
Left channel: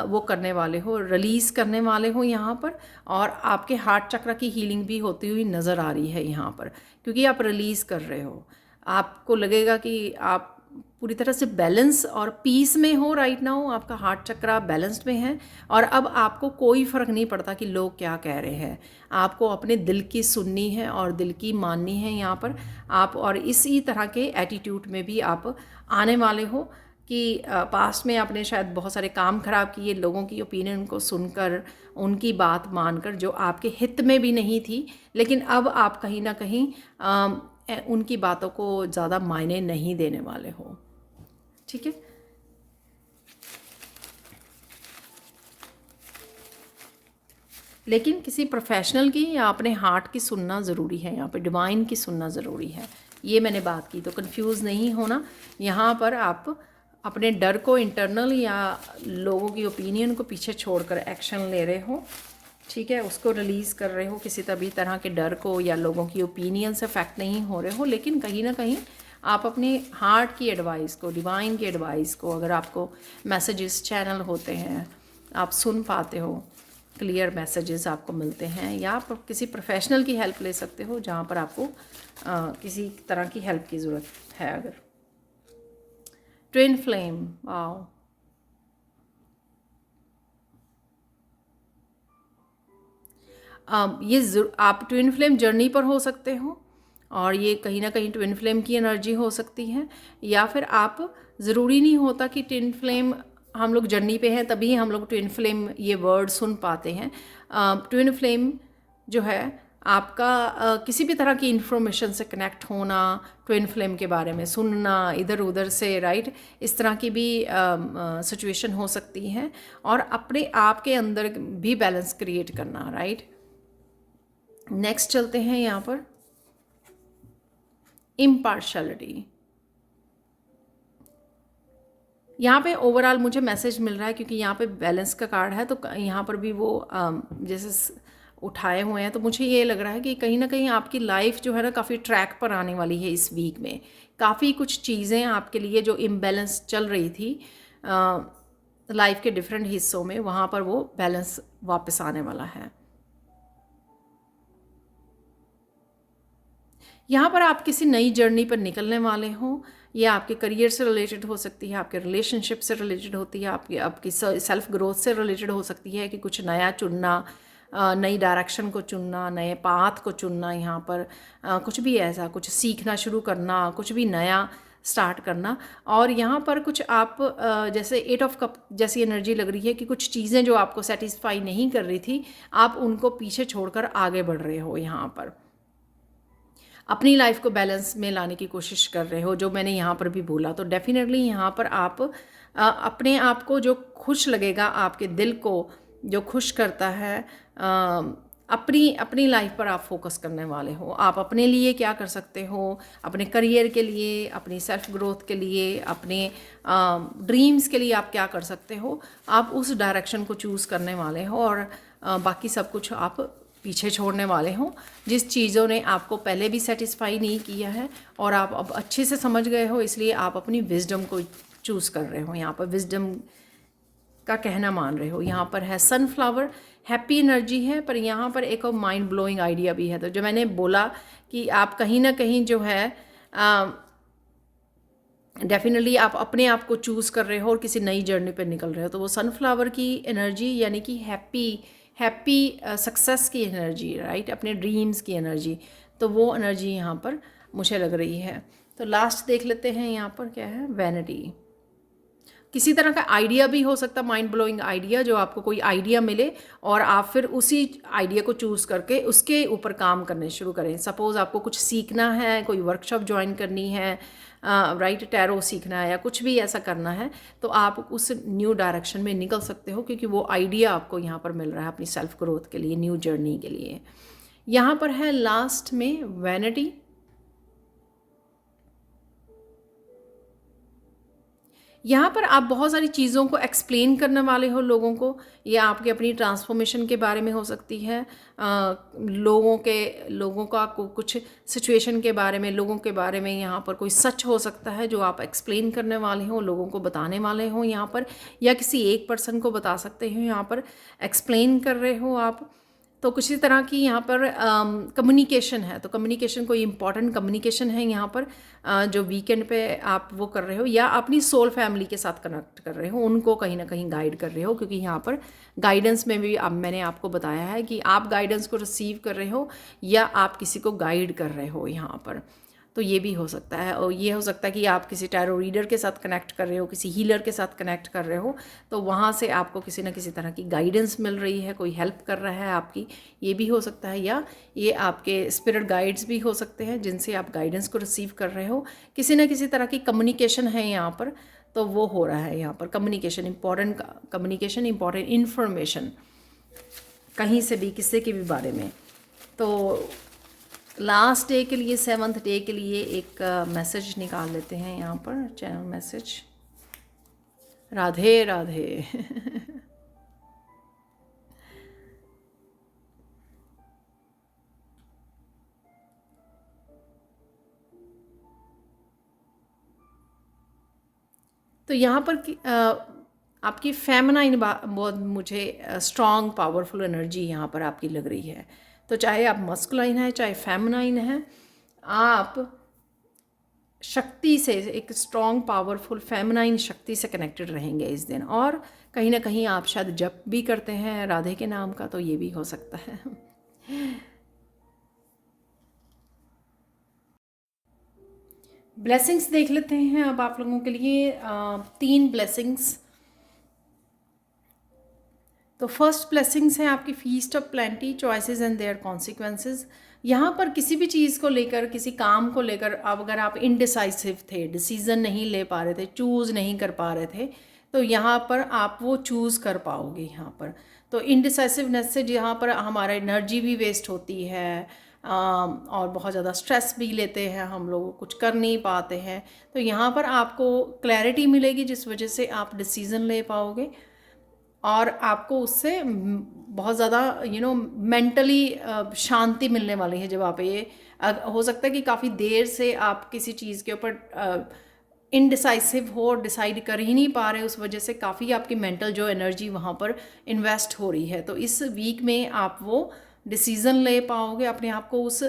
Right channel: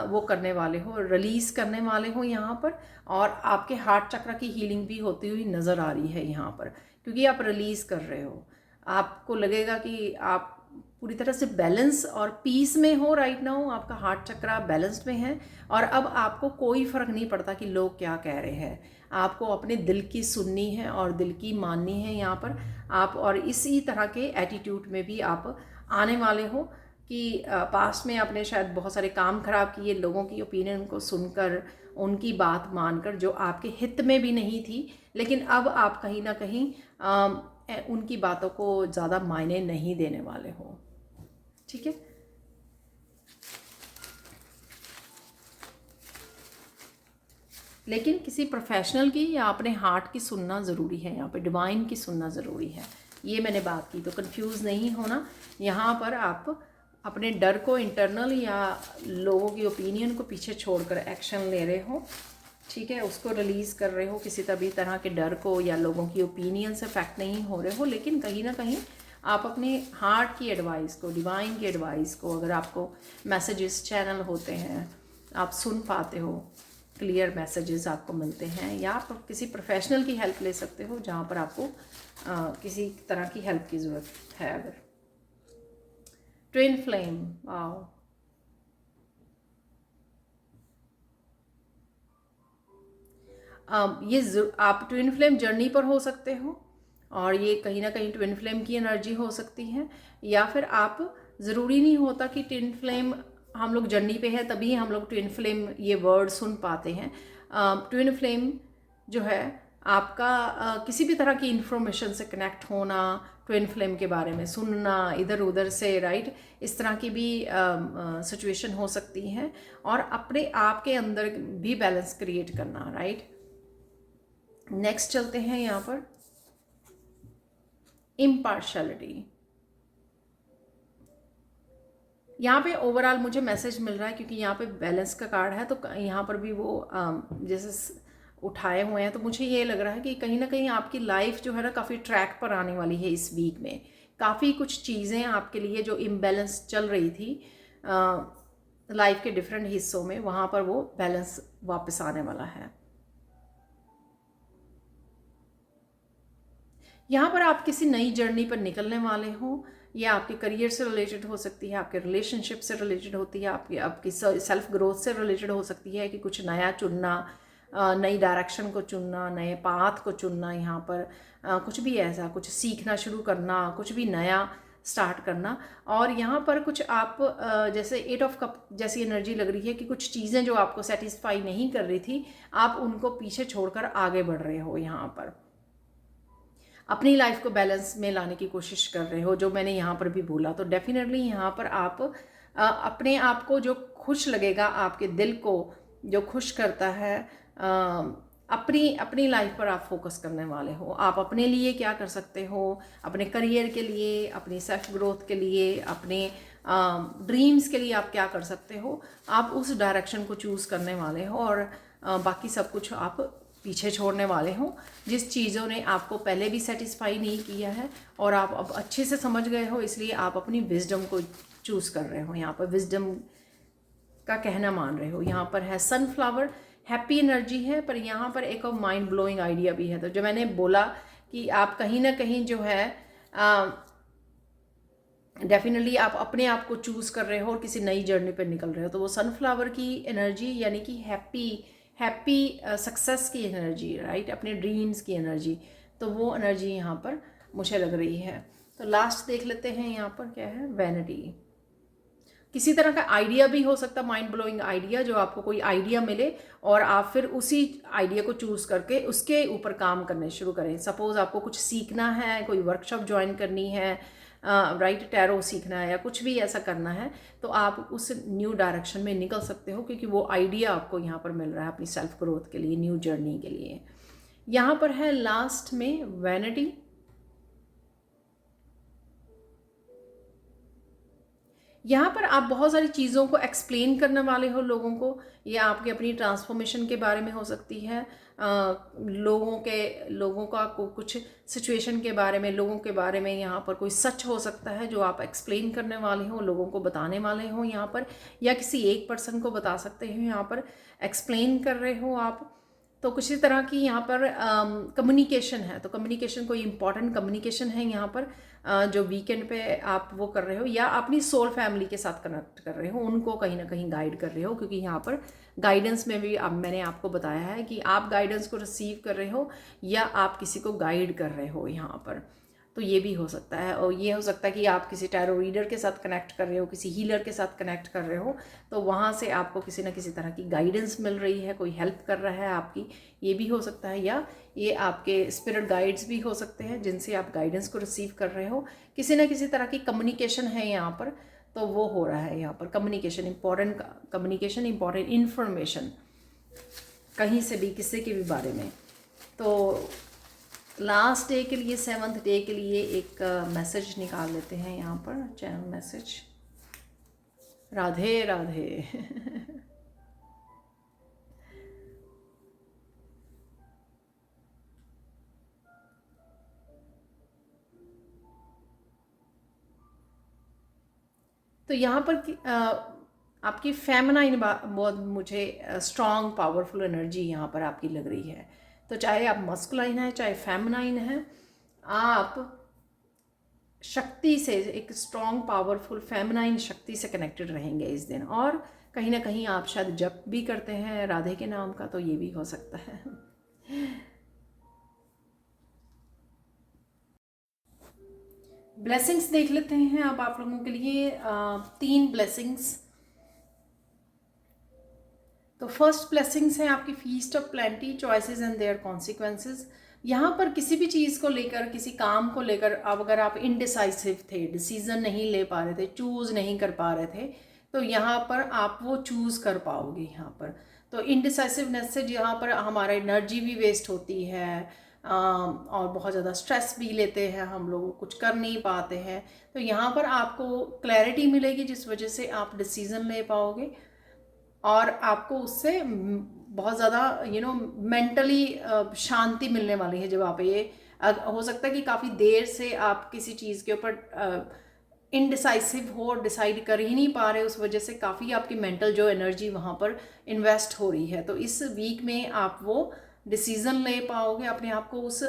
वो करने वाले हो, रिलीज़ करने वाले हो यहाँ पर। और आपके हार्ट चक्र की हीलिंग भी होती हुई नज़र आ रही है यहाँ पर, क्योंकि आप रिलीज़ कर रहे हो। आपको लगेगा कि आप पूरी तरह से बैलेंस और पीस में हो राइट नाउ, आपका हार्ट चक्र बैलेंस्ड में है। और अब आपको कोई फ़र्क नहीं पड़ता कि लोग क्या कह रहे हैं, आपको अपने दिल की सुननी है और दिल की माननी है यहाँ पर आप। और इसी तरह के एटीट्यूड में भी आप आने वाले हो कि पास्ट में आपने शायद बहुत सारे काम खराब किए, लोगों की ओपिनियन को सुनकर, उनकी बात मानकर, जो आपके हित में भी नहीं थी। लेकिन अब आप कहीं ना कहीं उनकी बातों को ज़्यादा मायने नहीं देने वाले हो। ठीक है, लेकिन किसी प्रोफेशनल की या अपने हार्ट की सुनना ज़रूरी है, यहाँ पे डिवाइन की सुनना ज़रूरी है। ये मैंने बात की, तो कंफ्यूज नहीं होना। यहाँ पर आप अपने डर को, इंटरनल या लोगों की ओपिनियन को पीछे छोड़कर एक्शन ले रहे हो। ठीक है, उसको रिलीज़ कर रहे हो, किसी तभी तरह के डर को या लोगों की ओपिनियन से अफेक्ट नहीं हो रहे हो। लेकिन कहीं ना कहीं आप अपने हार्ट की एडवाइस को, डिवाइन की एडवाइस को, अगर आपको मैसेजेस चैनल होते हैं, आप सुन पाते हो, क्लियर मैसेजेस आपको मिलते हैं, या आप किसी प्रोफेशनल की हेल्प ले सकते हो जहाँ पर आपको किसी तरह की हेल्प की ज़रूरत है। अगर ट्विन फ्लेम, वाओ, ये आप ट्विन फ्लेम जर्नी पर हो सकते हो, और ये कहीं ना कहीं ट्विन फ्लेम की एनर्जी हो सकती है। या फिर आप, ज़रूरी नहीं होता कि ट्विन फ्लेम, हम लोग जर्नी पे हैं तभी हम लोग ट्विन फ्लेम ये वर्ड सुन पाते हैं। ट्विन फ्लेम जो है आपका किसी भी तरह की इंफॉर्मेशन से कनेक्ट होना, ट्विन फ्लेम के बारे में सुनना इधर उधर से, राइट, इस तरह की भी सिचुएशन हो सकती है। और अपने आप के अंदर भी बैलेंस क्रिएट करना, राइट। नेक्स्ट चलते हैं यहाँ पर इम्पार्शलिटी। यहाँ पे ओवरऑल मुझे मैसेज मिल रहा है, क्योंकि यहाँ पे बैलेंस का कार्ड है, तो यहाँ पर भी वो जैसे उठाए हुए हैं, तो मुझे ये लग रहा है कि कहीं ना कहीं आपकी लाइफ जो है ना काफ़ी ट्रैक पर आने वाली है इस वीक में। काफ़ी कुछ चीज़ें आपके लिए जो इम्बैलेंस चल रही थी लाइफ के डिफरेंट हिस्सों में, वहाँ पर वो बैलेंस वापस आने वाला है। यहाँ पर आप किसी नई जर्नी पर निकलने वाले हो। ये आपके करियर से रिलेटेड हो सकती है, आपके रिलेशनशिप से रिलेटेड होती है, आपकी सेल्फ ग्रोथ से रिलेटेड हो सकती है, कि कुछ नया चुनना, नई डायरेक्शन को चुनना, नए पाथ को चुनना। यहाँ पर कुछ भी ऐसा, कुछ सीखना शुरू करना, कुछ भी नया स्टार्ट करना। और यहाँ पर कुछ आप जैसे 8 ऑफ कप जैसी एनर्जी लग रही है कि कुछ चीज़ें जो आपको सेटिस्फाई नहीं कर रही थी, आप उनको पीछे छोड़कर आगे बढ़ रहे हो। यहाँ पर अपनी लाइफ को बैलेंस में लाने की कोशिश कर रहे हो, जो मैंने यहाँ पर भी बोला। तो डेफिनेटली यहाँ पर आप अपने आप को जो खुश लगेगा, आपके दिल को जो खुश करता है, अपनी अपनी लाइफ पर आप फोकस करने वाले हो। आप अपने लिए क्या कर सकते हो, अपने करियर के लिए, अपनी सेल्फ ग्रोथ के लिए, अपने ड्रीम्स के लिए आप क्या कर सकते हो, आप उस डायरेक्शन को चूज़ करने वाले हो। और बाकी सब कुछ आप पीछे छोड़ने वाले हो जिस चीज़ों ने आपको पहले भी सेटिस्फाई नहीं किया है और आप अब अच्छे से समझ गए हो, इसलिए आप अपनी विजडम को चूज़ कर रहे हो। यहाँ पर विजडम का कहना मान रहे हो। यहाँ पर है सनफ्लावर, हैप्पी एनर्जी है, पर यहाँ पर एक और माइंड ब्लोइंग आइडिया भी है। तो जो मैंने बोला कि आप कहीं ना कहीं जो है डेफिनेटली आप अपने आप को चूज़ कर रहे हो और किसी नई जर्नी पर निकल रहे हो। तो वो सनफ्लावर की एनर्जी यानी कि हैप्पी सक्सेस की एनर्जी, राइट, अपने ड्रीम्स की एनर्जी, तो वो एनर्जी यहाँ पर मुझे लग रही है। तो लास्ट देख लेते हैं, यहाँ पर क्या है, वैनिटी। किसी तरह का आइडिया भी हो सकता है, माइंड ब्लोइंग आइडिया, जो आपको कोई आइडिया मिले और आप फिर उसी आइडिया को चूज़ करके उसके ऊपर काम करने शुरू करें। सपोज़ आपको कुछ सीखना है, कोई वर्कशॉप ज्वाइन करनी है, राइट, टैरो सीखना है या कुछ भी ऐसा करना है, तो आप उस न्यू डायरेक्शन में निकल सकते हो क्योंकि वो आइडिया आपको यहाँ पर मिल रहा है अपनी सेल्फ ग्रोथ के लिए, न्यू जर्नी के लिए। यहाँ पर है लास्ट में वैनिटी। यहाँ पर आप बहुत सारी चीज़ों को एक्सप्लेन करने वाले हो लोगों को, या आपकी अपनी ट्रांसफॉर्मेशन के बारे में हो सकती है, लोगों का कुछ सिचुएशन के बारे में, लोगों के बारे में यहाँ पर कोई सच हो सकता है जो आप एक्सप्लेन करने वाले हो, लोगों को बताने वाले हो यहाँ पर, या किसी एक पर्सन को बता सकते हो, यहाँ पर एक्सप्लेन कर रहे हो आप। तो किसी तरह की यहाँ पर कम्युनिकेशन है, तो कम्युनिकेशन कोई इंपॉर्टेंट कम्युनिकेशन है यहाँ पर, जो वीकेंड पे आप वो कर रहे हो, या अपनी सोल फैमिली के साथ कनेक्ट कर रहे हो, उनको कहीं ना कहीं गाइड कर रहे हो, क्योंकि यहाँ पर गाइडेंस में भी अब मैंने आपको बताया है कि आप गाइडेंस को रिसीव कर रहे हो या आप किसी को गाइड कर रहे हो यहाँ पर। तो ये भी हो सकता है, और ये हो सकता है कि आप किसी टैरो रीडर के साथ कनेक्ट कर रहे हो, किसी हीलर के साथ कनेक्ट कर रहे हो, तो वहाँ से आपको किसी न किसी तरह की गाइडेंस मिल रही है, कोई हेल्प कर रहा है आपकी, ये भी हो सकता है। या ये आपके स्पिरिट गाइड्स भी हो सकते हैं जिनसे आप गाइडेंस को रिसीव कर रहे हो, किसी न किसी तरह की कम्युनिकेशन है यहाँ पर, तो वो हो रहा है यहाँ पर। कम्युनिकेशन इंपॉर्टेंट इन्फॉर्मेशन कहीं से भी, किसी के भी बारे में। तो लास्ट डे के लिए, 7th डे के लिए एक मैसेज निकाल लेते हैं यहाँ पर, चैनल मैसेज। राधे राधे। तो यहाँ पर आपकी फेमिनाइन बहुत मुझे स्ट्रॉन्ग पावरफुल एनर्जी यहाँ पर आपकी लग रही है। तो चाहे आप मस्कुलाइन है चाहे फेमिनाइन है, आप शक्ति से, एक स्ट्रॉन्ग पावरफुल फेमिनाइन शक्ति से कनेक्टेड रहेंगे इस दिन। और कहीं ना कहीं आप शायद जप भी करते हैं राधे के नाम का, तो ये भी हो सकता है। ब्लेसिंग्स देख लेते हैं अब आप लोगों के लिए, 3 ब्लेसिंग्स। तो फर्स्ट ब्लेसिंग्स है आपकी feast of plenty, choices and their consequences. यहाँ पर किसी भी चीज़ को लेकर, किसी काम को लेकर, अब अगर आप इनडिसाइसिव थे, डिसीजन नहीं ले पा रहे थे, चूज़ नहीं कर पा रहे थे, तो यहाँ पर आप वो चूज़ कर पाओगे यहाँ पर। तो इनडिसाइसिवनेस से जहाँ पर हमारा एनर्जी भी वेस्ट होती है, और बहुत ज़्यादा स्ट्रेस भी लेते हैं हम लोग, कुछ कर नहीं पाते हैं, तो यहाँ पर आपको क्लैरिटी मिलेगी जिस वजह से आप डिसीज़न ले पाओगे, और आपको उससे बहुत ज़्यादा मेंटली शांति मिलने वाली है। जब आप ये हो सकता है कि काफ़ी देर से आप किसी चीज़ के ऊपर इनडिसाइसिव हो, डिसाइड कर ही नहीं पा रहे, उस वजह से काफ़ी आपकी मेंटल जो एनर्जी वहाँ पर इन्वेस्ट हो रही है। तो इस वीक में आप वो डिसीज़न ले पाओगे, अपने आप को उस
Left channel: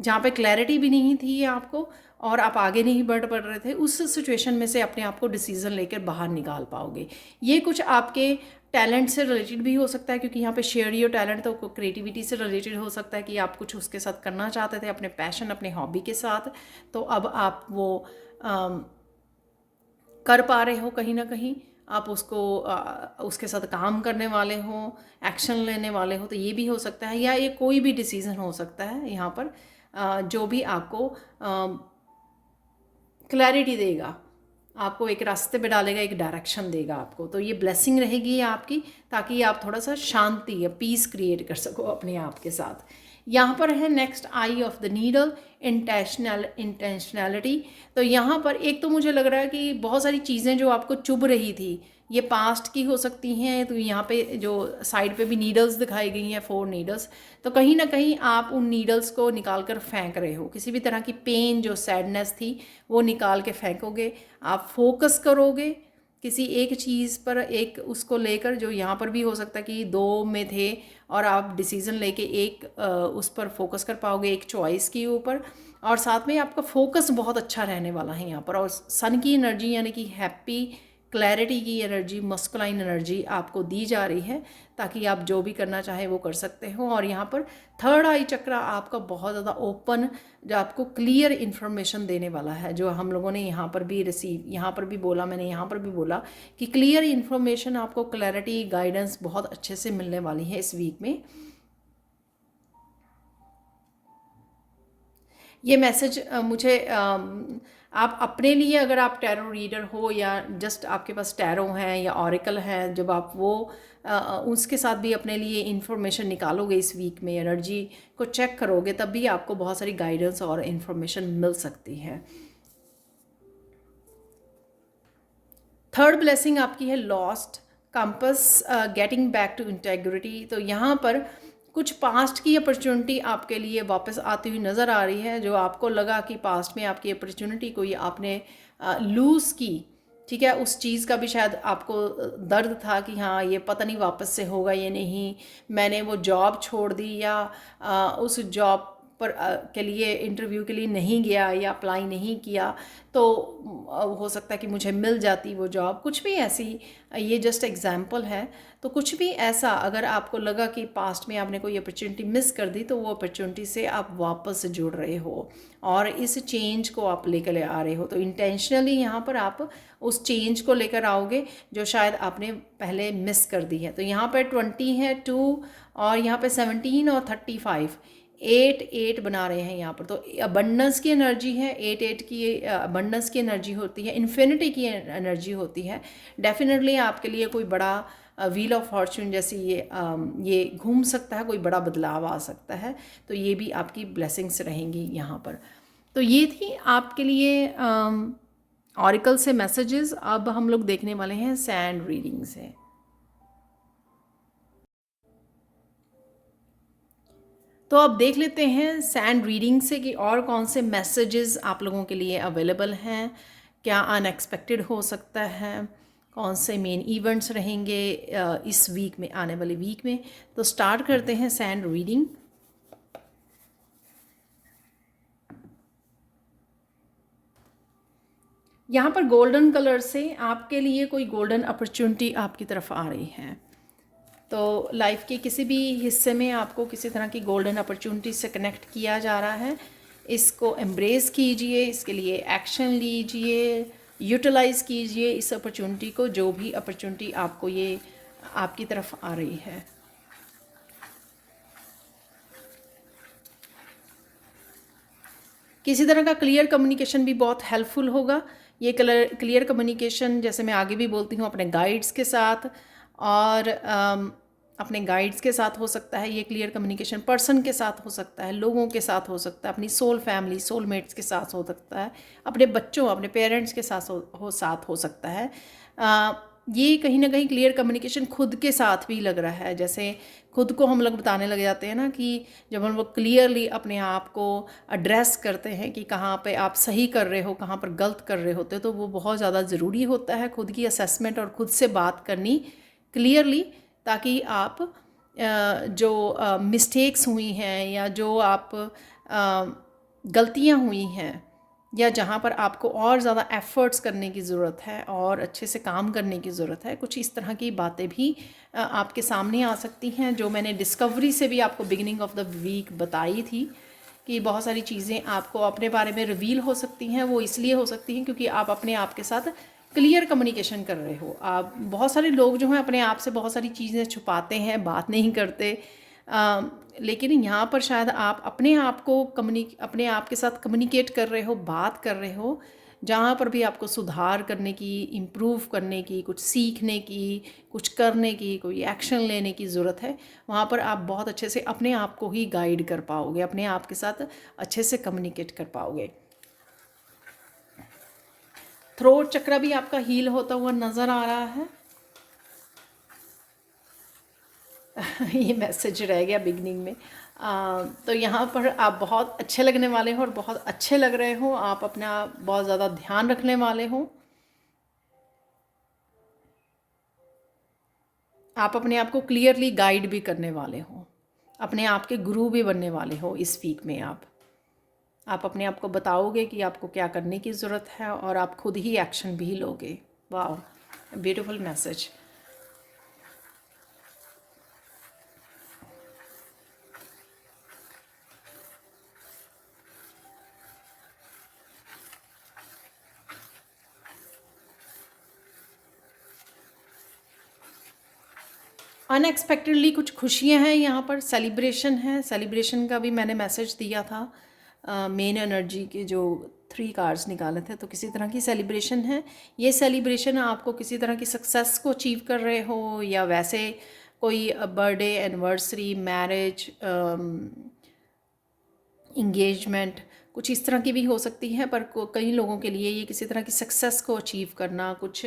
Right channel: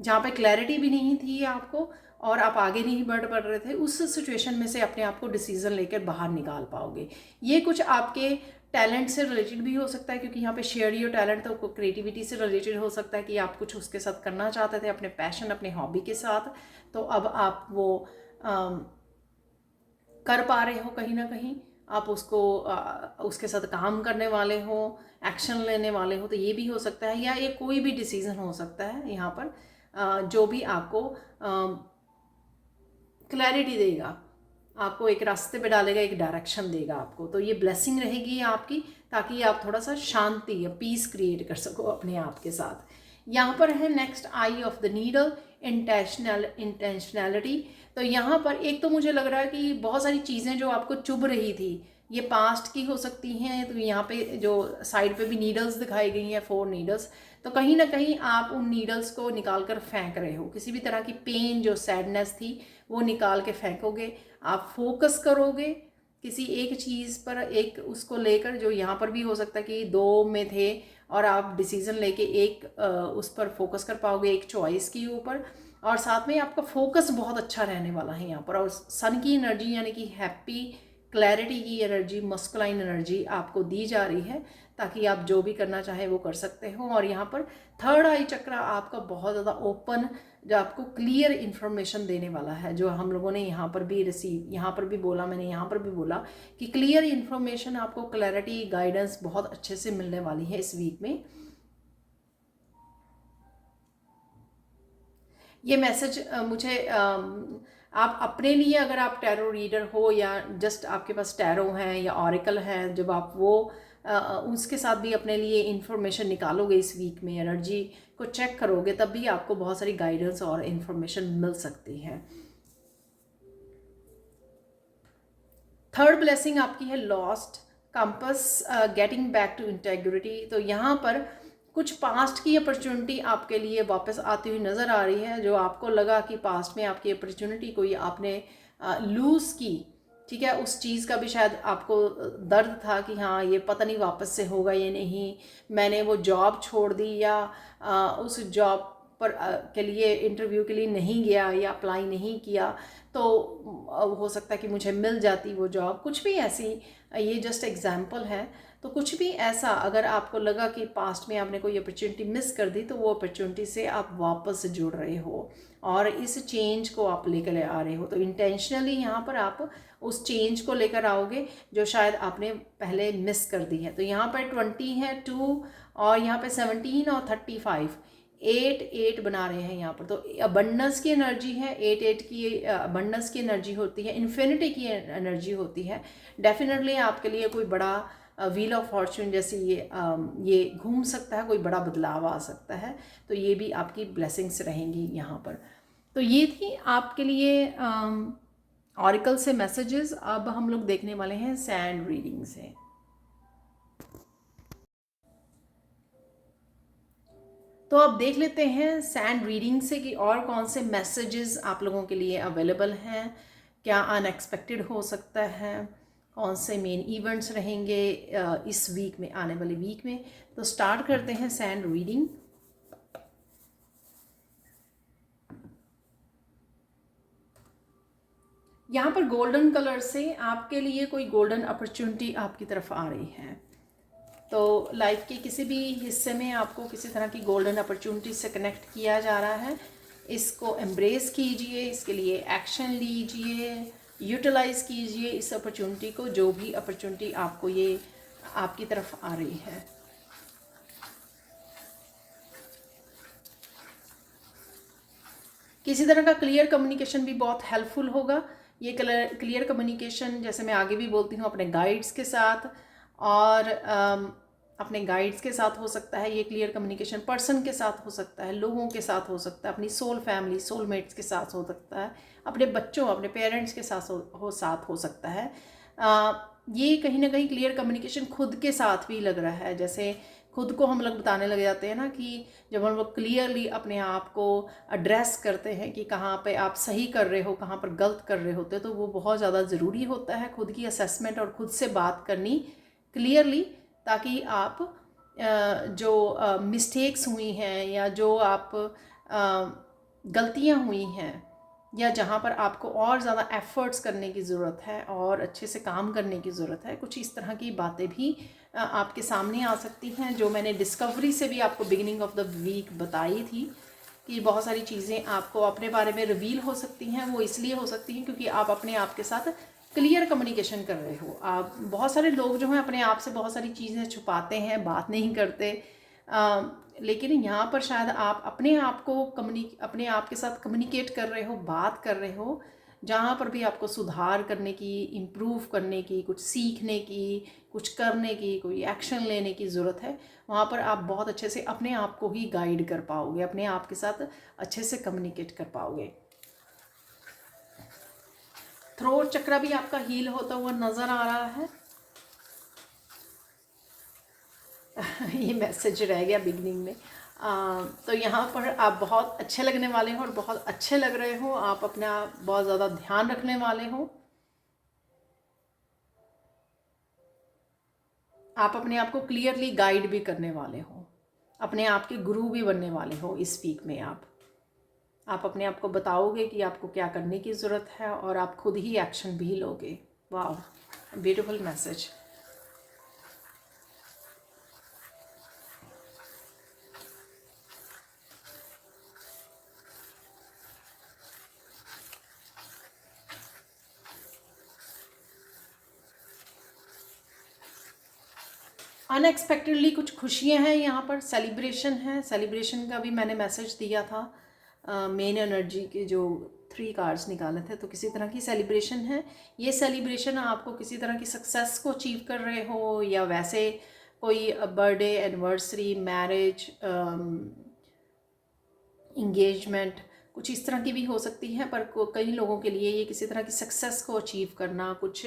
जहाँ पे क्लैरिटी भी नहीं थी आपको और आप आगे नहीं बढ़ पा रहे थे, उस सिचुएशन में से अपने आप को डिसीजन लेकर बाहर निकाल पाओगे। ये कुछ आपके टैलेंट से रिलेटेड भी हो सकता है, क्योंकि यहाँ पे शेयर योर टैलेंट, तो क्रिएटिविटी से रिलेटेड हो सकता है कि आप कुछ उसके साथ करना चाहते थे, अपने पैशन, अपने हॉबी के साथ, तो अब आप वो कर पा रहे हो कहीं ना कहीं, आप उसके साथ काम करने वाले हो, एक्शन लेने वाले हो, तो ये भी हो सकता है। या ये कोई भी डिसीज़न हो सकता है यहाँ पर जो भी आपको क्लैरिटी देगा आपको एक रास्ते पे डालेगा, एक डायरेक्शन देगा आपको। तो ये ब्लेसिंग रहेगी आपकी, ताकि आप थोड़ा सा शांति या पीस क्रिएट कर सको अपने आप के साथ। यहाँ पर है next eye of the needle, intentionality. तो यहाँ पर एक तो मुझे लग रहा है कि बहुत सारी चीज़ें जो आपको चुभ रही थी, ये पास्ट की हो सकती हैं। तो यहाँ पे जो साइड पे भी नीडल्स दिखाई गई हैं, 4 नीडल्स, तो कहीं ना कहीं आप उन नीडल्स को निकाल कर फेंक रहे हो। किसी भी तरह की पेन, जो सैडनेस थी, वो निकाल के फेंकोगे। आप फोकस करोगे किसी एक चीज़ पर, एक उसको लेकर, जो यहाँ पर भी हो सकता है कि 2 में थे और आप डिसीज़न लेके एक उस पर फोकस कर पाओगे, एक चॉइस के ऊपर। और साथ में आपका फोकस बहुत अच्छा रहने वाला है यहाँ पर। और सन की एनर्जी यानी कि हैप्पी, क्लैरिटी की एनर्जी, मस्कुलाइन एनर्जी आपको दी जा रही है, ताकि आप जो भी करना चाहें वो कर सकते हो। और यहाँ पर थर्ड आई चक्रा आपका बहुत ज़्यादा ओपन, जो आपको क्लियर इन्फॉर्मेशन देने वाला है, जो हम लोगों ने यहाँ पर भी यहाँ पर भी बोला, मैंने यहाँ पर भी बोला कि क्लियर इन्फॉर्मेशन आपको, क्लैरिटी, गाइडेंस बहुत अच्छे से मिलने वाली है इस वीक में। ये मैसेज मुझे आप अपने लिए, अगर आप टैरो रीडर हो या जस्ट आपके पास टैरो हैं या ऑरिकल हैं, जब आप वो उसके साथ भी अपने लिए इन्फॉर्मेशन निकालोगे इस वीक में, एनर्जी को चेक करोगे, तब भी आपको बहुत सारी गाइडेंस और इन्फॉर्मेशन मिल सकती है। थर्ड ब्लेसिंग आपकी है lost compass, getting back to integrity. तो यहाँ पर कुछ पास्ट की अपॉर्चुनिटी आपके लिए वापस आती हुई नज़र आ रही है। जो आपको लगा कि पास्ट में आपकी अपॉर्चुनिटी कोई आपने लूज़ की, ठीक है, उस चीज़ का भी शायद आपको दर्द था कि हाँ ये पता नहीं वापस से होगा ये नहीं, मैंने वो जॉब छोड़ दी, या उस जॉब पर के लिए इंटरव्यू के लिए नहीं गया या अप्लाई नहीं किया, तो हो सकता है कि मुझे मिल जाती वो जॉब। कुछ भी ऐसी, ये जस्ट एग्जांपल है। तो कुछ भी ऐसा अगर आपको लगा कि पास्ट में आपने कोई अपॉर्चुनिटी मिस कर दी, तो वो अपॉर्चुनिटी से आप वापस जुड़ रहे हो और इस चेंज को आप लेकर आ रहे हो। तो इंटेंशनली यहाँ पर आप उस चेंज को लेकर आओगे जो शायद आपने पहले मिस कर दी है। तो यहाँ पर 20 है, 2 और यहाँ पे 17 और 35, 8 बना रहे हैं यहाँ पर। तो अबंडेंस की एनर्जी है, 8 की अबंडेंस की एनर्जी होती है, इन्फिनिटी की एनर्जी होती है। डेफिनेटली आपके लिए कोई बड़ा व्हील ऑफ फॉर्चून जैसी ये घूम सकता है, कोई बड़ा बदलाव आ सकता है। तो ये भी आपकी ब्लेसिंग्स रहेंगी यहाँ पर। तो ये थी आपके लिए ऑरिकल से मैसेजेस। अब हम लोग देखने वाले हैं सैंड रीडिंग से। तो अब देख लेते हैं सैंड रीडिंग से कि और कौन से मैसेजेस आप लोगों के लिए अवेलेबल हैं, क्या अनएक्सपेक्टेड हो सकता है, कौन से मेन इवेंट्स रहेंगे इस वीक में, आने वाले वीक में। तो स्टार्ट करते हैं सैंड रीडिंग। यहाँ पर गोल्डन कलर से आपके लिए कोई गोल्डन अपॉर्चुनिटी आपकी तरफ आ रही है। तो लाइफ के किसी भी हिस्से में आपको किसी तरह की गोल्डन अपॉर्चुनिटी से कनेक्ट किया जा रहा है। इसको एम्ब्रेस कीजिए, इसके लिए एक्शन लीजिए, यूटिलाइज कीजिए इस अपॉर्चुनिटी को, जो भी अपॉर्चुनिटी आपको ये आपकी तरफ आ रही है। किसी तरह का क्लियर कम्युनिकेशन भी बहुत हेल्पफुल होगा। ये क्लियर कम्युनिकेशन, जैसे मैं आगे भी बोलती हूँ, अपने गाइड्स के साथ और अपने गाइड्स के साथ हो सकता है। ये क्लियर कम्युनिकेशन पर्सन के साथ हो सकता है, लोगों के साथ हो सकता है, अपनी सोल फैमिली, सोलमेट्स के साथ हो सकता है, अपने बच्चों, अपने पेरेंट्स के साथ हो सकता है। ये कहीं ना कहीं क्लियर कम्युनिकेशन खुद के साथ भी लग रहा है। जैसे खुद को हम लोग बताने लग जाते हैं ना, कि जब हम लोग क्लियरली अपने आप को एड्रेस करते हैं कि कहाँ पे आप सही कर रहे हो, कहाँ पर गलत कर रहे होते हो, तो वो बहुत ज़्यादा ज़रूरी होता है, खुद की असेसमेंट और खुद से बात करनी क्लियरली, ताकि आप जो मिस्टेक्स हुई हैं या जो आप गलतियाँ हुई हैं या जहाँ पर आपको और ज़्यादा एफ़र्ट्स करने की ज़रूरत है और अच्छे से काम करने की ज़रूरत है, कुछ इस तरह की बातें भी आपके सामने आ सकती हैं, जो मैंने डिस्कवरी से भी आपको बिगिनिंग ऑफ द वीक बताई थी कि बहुत सारी चीज़ें आपको अपने बारे में रिवील हो सकती हैं। वो इसलिए हो सकती हैं क्योंकि आप अपने आप के साथ क्लियर कम्युनिकेशन कर रहे हो। आप, बहुत सारे लोग जो हैं अपने आप से बहुत सारी चीज़ें छुपाते हैं, बात नहीं करते, लेकिन यहाँ पर शायद आप अपने आप को अपने आप के साथ कम्युनिकेट कर रहे हो, बात कर रहे हो, जहाँ पर भी आपको सुधार करने की, इम्प्रूव करने की, कुछ सीखने की, कुछ करने की, कोई एक्शन लेने की ज़रूरत है, वहाँ पर आप बहुत अच्छे से अपने आप को ही गाइड कर पाओगे, अपने आप के साथ अच्छे से कम्युनिकेट कर पाओगे। थ्रोट चक्र भी आपका हील होता हुआ नज़र आ रहा है। ये मैसेज रह गया बिगनिंग में। तो यहाँ पर आप बहुत अच्छे लगने वाले हो और बहुत अच्छे लग रहे हो, आप अपना बहुत ज़्यादा ध्यान रखने वाले हो, आप अपने आप को क्लियरली गाइड भी करने वाले हो, अपने आप के गुरु भी बनने वाले हो इस वीक में। आप अपने आप को बताओगे कि आपको क्या करने की ज़रूरत है और आप खुद ही एक्शन भी लोगे। वाह, ब्यूटीफुल मैसेज। अनएक्सपेक्टेडली कुछ खुशियां हैं यहाँ पर, सेलिब्रेशन है, सेलिब्रेशन का भी मैंने मैसेज दिया था। मेन एनर्जी के जो 3 कार्ड्स निकाले थे, तो किसी तरह की सेलिब्रेशन है। ये सेलिब्रेशन आपको किसी तरह की सक्सेस को अचीव कर रहे हो, या वैसे कोई बर्थडे, एनिवर्सरी, मैरिज, इंगेजमेंट, कुछ इस तरह की भी हो सकती है। पर कई लोगों के लिए ये किसी तरह की सक्सेस को अचीव करना, कुछ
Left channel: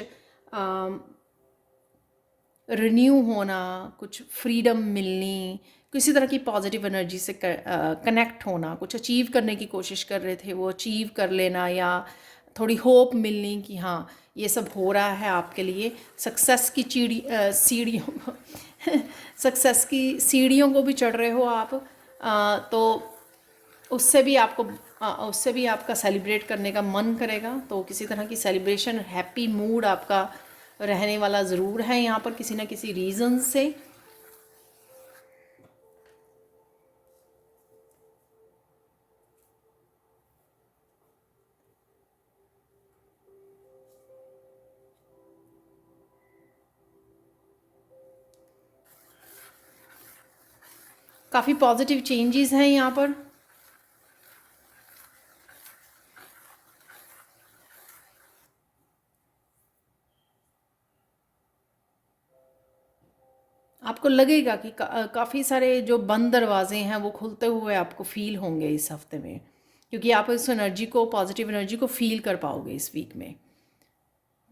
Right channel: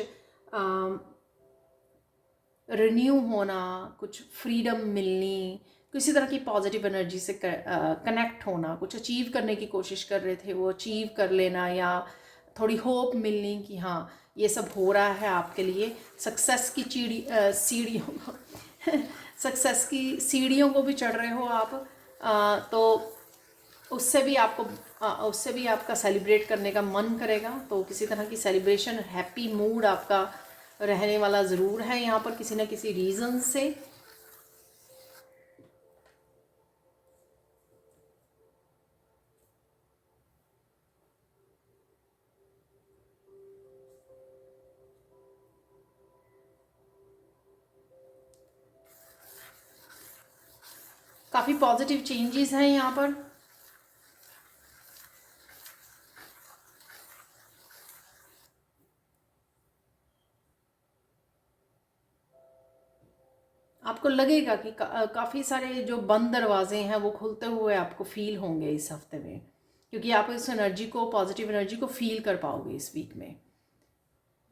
रिन्यू होना, कुछ फ्रीडम मिलनी, किसी तरह की पॉजिटिव एनर्जी से कनेक्ट होना, कुछ अचीव करने की कोशिश कर रहे थे वो अचीव कर लेना, या थोड़ी होप मिलनी कि हाँ ये सब हो रहा है आपके लिए। सक्सेस की सीढ़ियों सक्सेस की सीढ़ियों को भी चढ़ रहे हो आप। तो उससे भी आपका सेलिब्रेट करने का मन करेगा। तो किसी तरह की सेलिब्रेशन, हैप्पी मूड आपका रहने वाला ज़रूर है यहाँ पर, किसी न किसी रीज़न से। काफ़ी पॉजिटिव चेंजेस हैं यहाँ पर। आपको लगेगा कि काफ़ी सारे जो बंद दरवाजे हैं वो खुलते हुए आपको फील होंगे इस हफ्ते में, क्योंकि आप इस एनर्जी को, पॉजिटिव एनर्जी को फील कर पाओगे इस वीक में।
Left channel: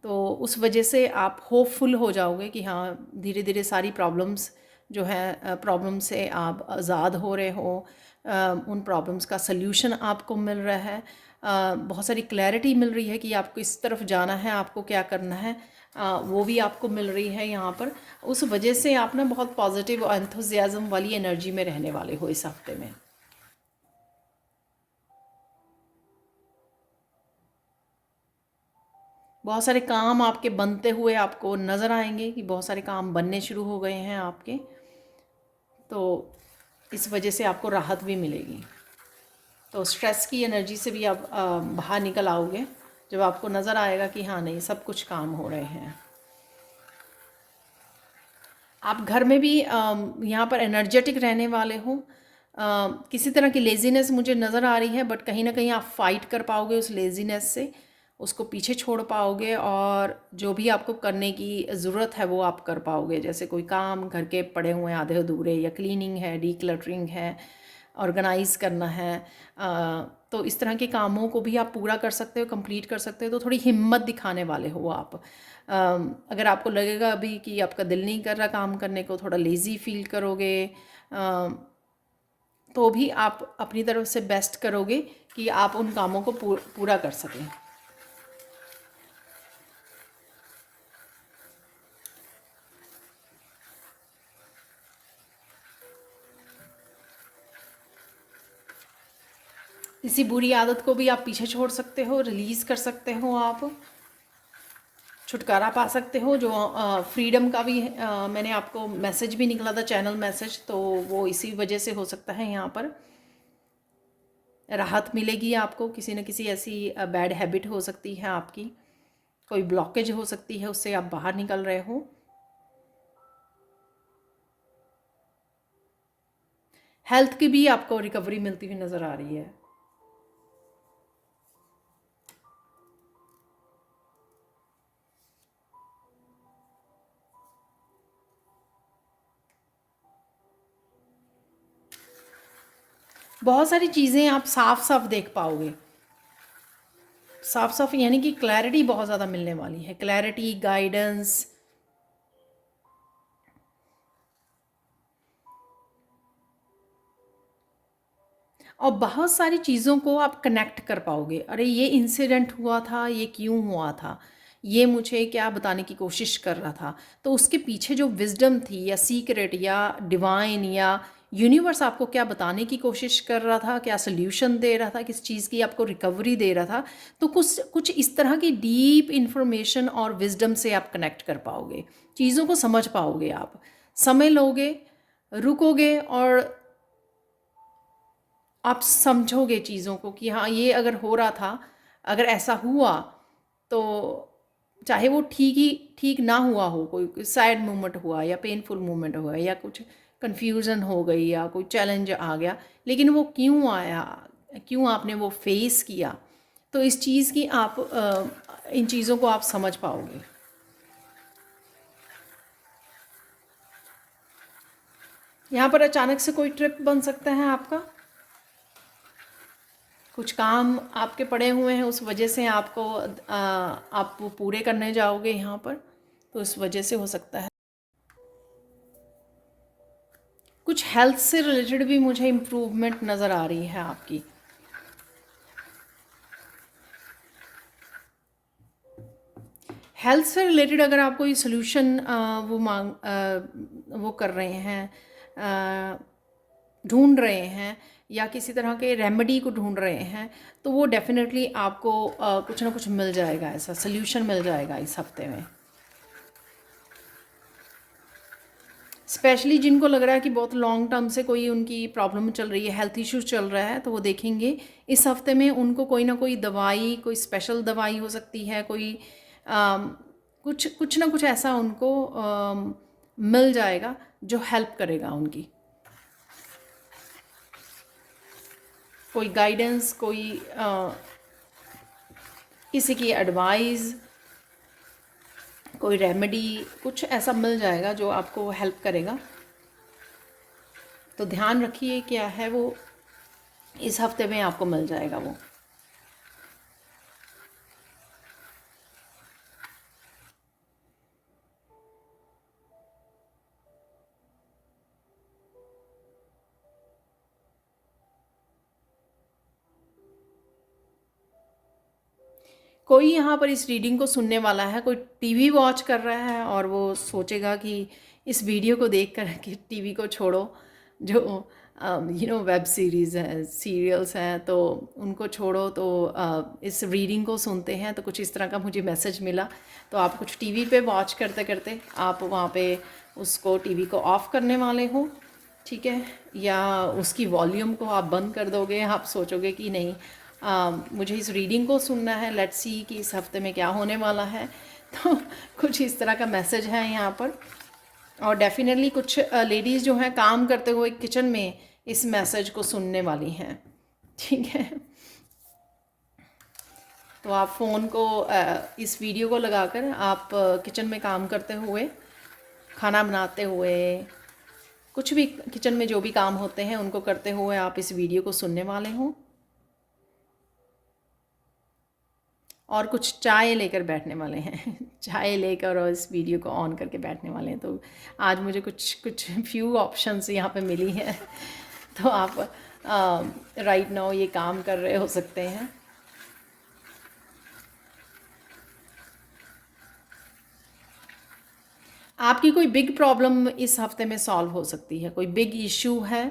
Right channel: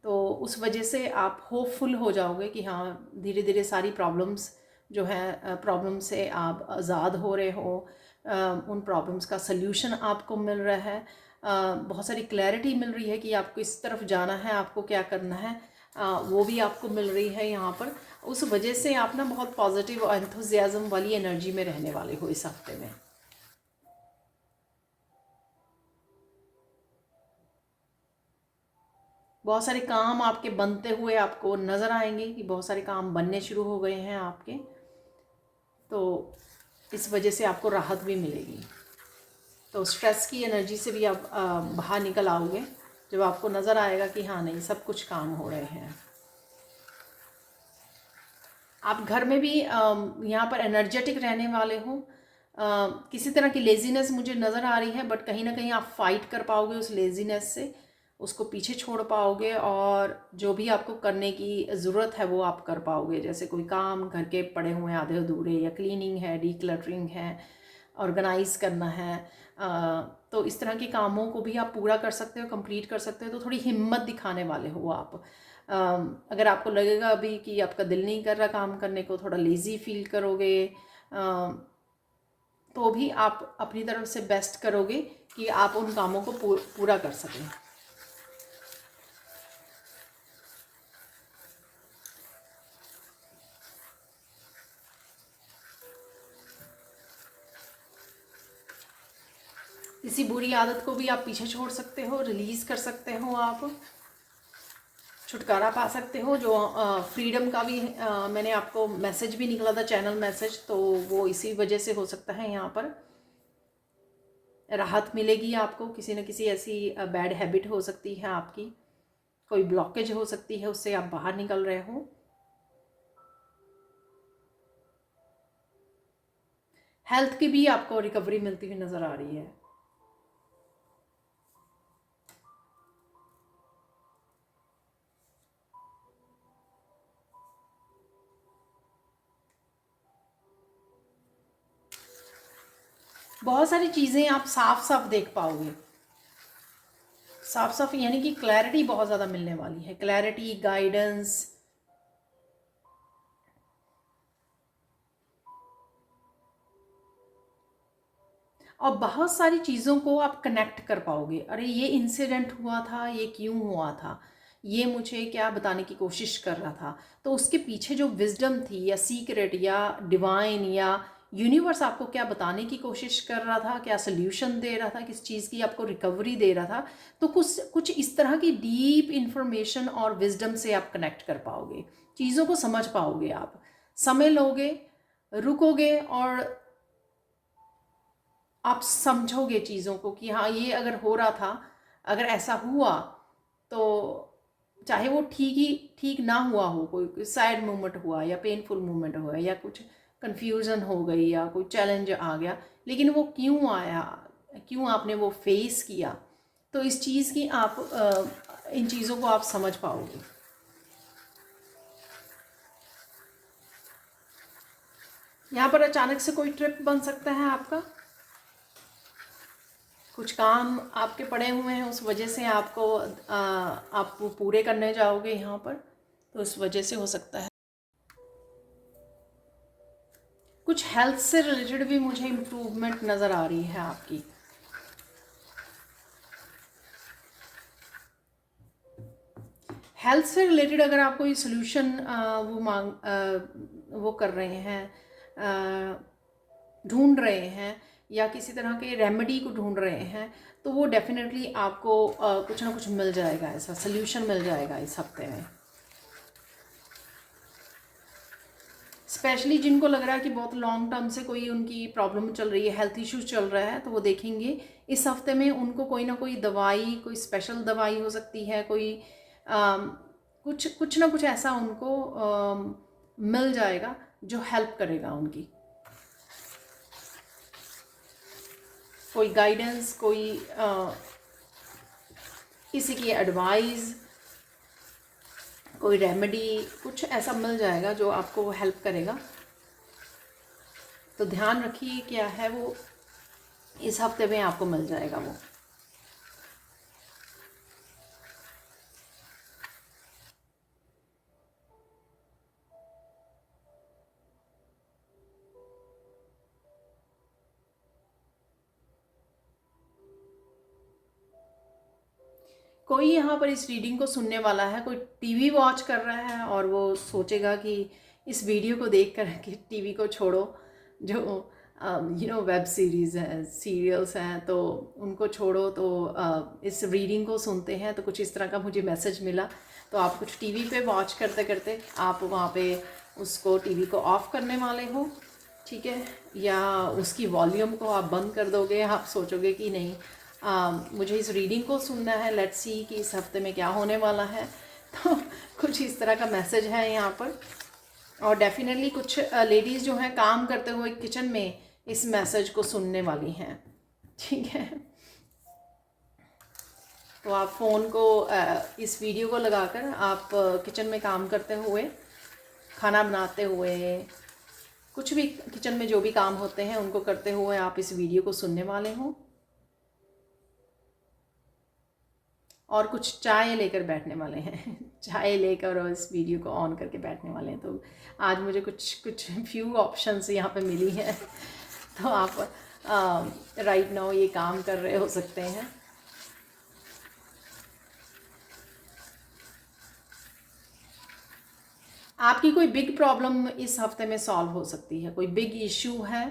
तो उस वजह से आप होपफुल हो जाओगे कि हाँ धीरे धीरे सारी प्रॉब्लम्स जो है, प्रॉब्लम से आप आज़ाद हो रहे हो, उन प्रॉब्लम्स का सल्यूशन आपको मिल रहा है, बहुत सारी क्लैरिटी मिल रही है कि आपको इस तरफ जाना है, आपको क्या करना है, वो भी आपको मिल रही है यहाँ पर। उस वजह से आप ना बहुत पॉजिटिव और एंथुजियाज़म वाली एनर्जी में रहने वाले हो इस हफ्ते में। बहुत सारे काम आपके बनते हुए आपको नज़र आएंगे कि बहुत सारे काम बनने शुरू हो गए हैं आपके, तो इस वजह से आपको राहत भी मिलेगी। तो स्ट्रेस की एनर्जी से भी आप बाहर निकल आओगे जब आपको नज़र आएगा कि हाँ नहीं, सब कुछ काम हो रहे हैं। आप घर में भी यहाँ पर एनर्जेटिक रहने वाले हो। किसी तरह की लेज़ीनेस मुझे नज़र आ रही है, बट कहीं ना कहीं आप फाइट कर पाओगे उस लेज़ीनेस से, उसको पीछे छोड़ पाओगे, और जो भी आपको करने की ज़रूरत है वो आप कर पाओगे। जैसे कोई काम घर के पड़े हुए हैं आधे अधूरे, या क्लीनिंग है, डीक्लटरिंग है, ऑर्गेनाइज करना है, तो इस तरह के कामों को भी आप पूरा कर सकते हो, कंप्लीट कर सकते हो। तो थोड़ी हिम्मत दिखाने वाले हो आप। अगर आपको लगेगा अभी कि आपका दिल नहीं कर रहा काम करने को, थोड़ा लेज़ी फील करोगे, तो भी आप अपनी तरफ से बेस्ट करोगे कि आप उन कामों को पूरा कर सकें। इसी बुरी आदत को भी आप पीछे छोड़ सकते हो, रिलीज़ कर सकते हो, आप छुटकारा पा सकते हो। जो फ्रीडम का भी मैंने आपको मैसेज भी निकला था, चैनल मैसेज, तो वो इसी वजह से हो सकता है। यहाँ पर राहत मिलेगी आपको, किसी न किसी ऐसी बैड हैबिट हो सकती है आपकी, कोई ब्लॉकेज हो सकती है, उससे आप बाहर निकल रहे हो। हेल्थ की भी आपको रिकवरी मिलती हुई नज़र आ रही है। बहुत सारी चीज़ें आप साफ साफ देख पाओगे। साफ साफ यानी कि क्लैरिटी बहुत ज़्यादा मिलने वाली है, क्लैरिटी, गाइडेंस। और बहुत सारी चीज़ों को आप कनेक्ट कर पाओगे। अरे ये इंसिडेंट हुआ था, ये क्यों हुआ था, ये मुझे क्या बताने की कोशिश कर रहा था, तो उसके पीछे जो विजडम थी या सीक्रेट या डिवाइन या यूनिवर्स आपको क्या बताने की कोशिश कर रहा था, क्या सोल्यूशन दे रहा था, किस चीज़ की आपको रिकवरी दे रहा था, तो कुछ कुछ इस तरह की डीप इंफॉर्मेशन और विजडम से आप कनेक्ट कर पाओगे, चीज़ों को समझ पाओगे। आप समय लोगे, रुकोगे और आप समझोगे चीज़ों को कि हाँ ये अगर हो रहा था, अगर ऐसा हुआ तो चाहे वो ठीक ना हुआ हो, कोई सैड मोमेंट हुआ या पेनफुल मोमेंट हुआ या कुछ कन्फ्यूज़न हो गई या कोई चैलेंज आ गया, लेकिन वो क्यों आया, क्यों आपने वो फेस किया, तो इस चीज़ की आप इन चीज़ों को आप समझ पाओगे। यहाँ पर अचानक से कोई ट्रिप बन सकता है आपका, कुछ काम आपके पड़े हुए हैं, उस वजह से आपको आप वो पूरे करने जाओगे यहाँ पर, तो उस वजह से हो सकता है। कुछ हेल्थ से रिलेटेड भी मुझे इम्प्रूवमेंट नज़र आ रही है आपकी। हेल्थ से रिलेटेड अगर आप कोई सोल्यूशन वो कर रहे हैं, ढूंढ रहे हैं या किसी तरह के रेमेडी को ढूंढ रहे हैं, तो वो डेफिनेटली आपको कुछ ना कुछ मिल जाएगा, ऐसा सोल्यूशन मिल जाएगा इस हफ्ते में। स्पेशली जिनको लग रहा है कि बहुत लॉन्ग टर्म से कोई उनकी प्रॉब्लम चल रही है, हेल्थ इश्यूज चल रहा है, तो वो देखेंगे इस हफ्ते में उनको कोई ना कोई दवाई, कोई स्पेशल दवाई हो सकती है, कोई कुछ कुछ ना कुछ ऐसा उनको मिल जाएगा जो हेल्प करेगा उनकी। कोई गाइडेंस, कोई किसी की एडवाइस, कोई रेमेडी, कुछ ऐसा मिल जाएगा जो आपको हेल्प करेगा। तो ध्यान रखिए क्या है वो, इस हफ्ते में आपको मिल जाएगा वो। कोई यहाँ पर इस रीडिंग को सुनने वाला है, कोई टीवी वॉच कर रहा है और वो सोचेगा कि इस वीडियो को देख कर कि टीवी को छोड़ो, जो वेब सीरीज़ हैं, सीरियल्स हैं, तो उनको छोड़ो, तो इस रीडिंग को सुनते हैं। तो कुछ इस तरह का मुझे मैसेज मिला। तो आप कुछ टीवी पे वॉच करते करते आप वहाँ पे उसको टीवी को ऑफ़ करने वाले हो, ठीक है, या उसकी वॉल्यूम को आप बंद कर दोगे। आप सोचोगे कि नहीं, मुझे इस रीडिंग को सुनना है, लेट्स सी कि इस हफ्ते में क्या होने वाला है। तो कुछ इस तरह का मैसेज है यहाँ पर। और डेफिनेटली कुछ लेडीज़ जो हैं काम करते हुए किचन में इस मैसेज को सुनने वाली हैं, ठीक है। तो आप फ़ोन को इस वीडियो को लगाकर आप किचन में काम करते हुए, खाना बनाते हुए, कुछ भी किचन में जो भी काम होते हैं उनको करते हुए आप इस वीडियो को सुनने वाले हों। और कुछ चाय लेकर बैठने वाले हैं चाय लेकर और इस वीडियो को ऑन करके बैठने वाले हैं। तो आज मुझे कुछ कुछ फ्यू ऑप्शंस यहाँ पे मिली हैं। तो आप राइट नाउ ये काम कर रहे हो सकते हैं। आपकी कोई बिग प्रॉब्लम इस हफ्ते में सॉल्व हो सकती है, कोई बिग इशू है,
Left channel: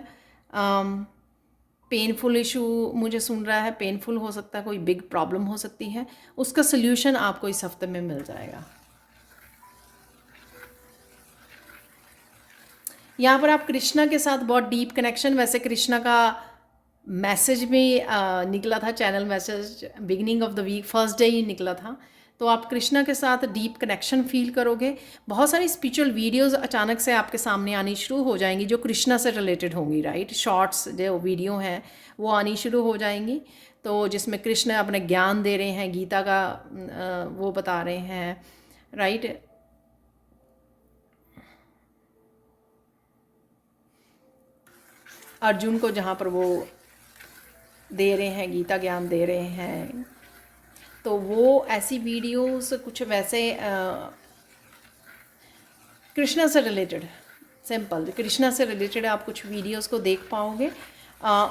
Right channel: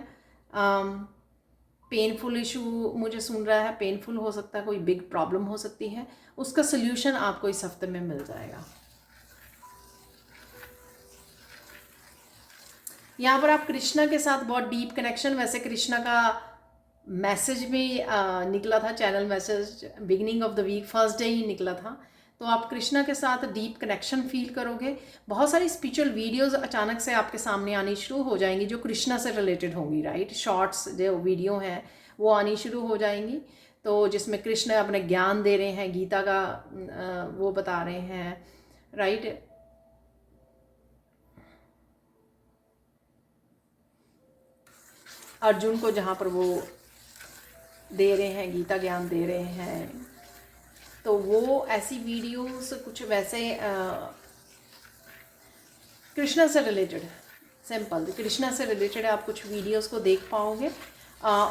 पेनफुल इशू मुझे सुन रहा है, पेनफुल हो सकता है, कोई बिग प्रॉब्लम हो सकती है, उसका सल्यूशन आपको इस हफ्ते में मिल जाएगा। यहाँ पर आप कृष्णा के साथ बहुत डीप कनेक्शन, वैसे कृष्णा का मैसेज भी निकला था, channel message beginning of the week first day ही निकला था। तो आप कृष्णा के साथ डीप कनेक्शन फील करोगे। बहुत सारी स्पिरिचुअल वीडियोस अचानक से आपके सामने आनी शुरू हो जाएंगी जो कृष्णा से रिलेटेड होंगी, राइट। शॉर्ट्स जो वीडियो हैं वो आनी शुरू हो जाएंगी, तो जिसमें कृष्ण अपने ज्ञान दे रहे हैं, गीता का वो बता रहे हैं, राइट। अर्जुन को जहाँ पर वो दे रहे हैं, गीता ज्ञान दे रहे हैं, तो वो ऐसी वीडियोस कुछ वैसे कृष्णा से रिलेटेड, सिंपल कृष्णा से रिलेटेड आप कुछ वीडियोस को देख पाओगे।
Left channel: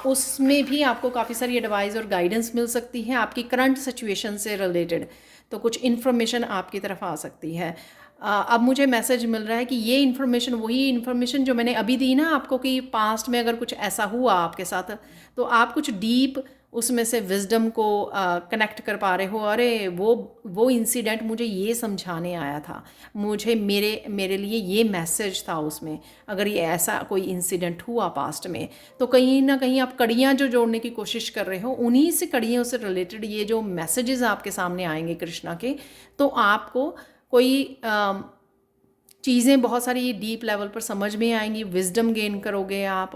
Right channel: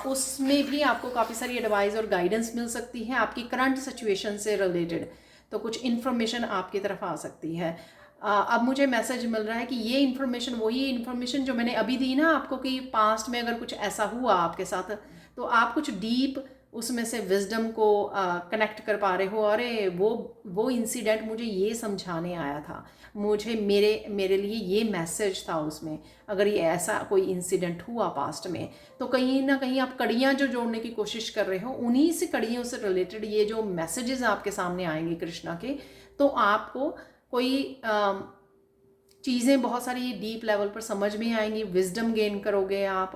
उसमें भी आपको काफ़ी सारी एडवाइस और गाइडेंस मिल सकती है आपकी करंट सिचुएशन से रिलेटेड, तो कुछ इन्फॉर्मेशन आपकी तरफ आ सकती है। अब मुझे मैसेज मिल रहा है कि ये इन्फॉर्मेशन वही इन्फॉर्मेशन जो मैंने अभी दी ना आपको, कि पास्ट में अगर कुछ ऐसा हुआ आपके साथ तो आप कुछ डीप उसमें से विजडम को कनेक्ट कर पा रहे हो। अरे वो इंसिडेंट मुझे ये समझाने आया था, मुझे मेरे लिए ये मैसेज था उसमें। अगर ये ऐसा कोई इंसिडेंट हुआ पास्ट में, तो कहीं ना कहीं आप कड़ियाँ जो जोड़ने की कोशिश कर रहे हो, उन्हीं से कड़ियों से रिलेटेड ये जो मैसेजेस आपके सामने आएंगे कृष्णा के, तो आपको कोई चीज़ें बहुत सारी डीप लेवल पर समझ में आएंगी, विजडम गेन करोगे आप,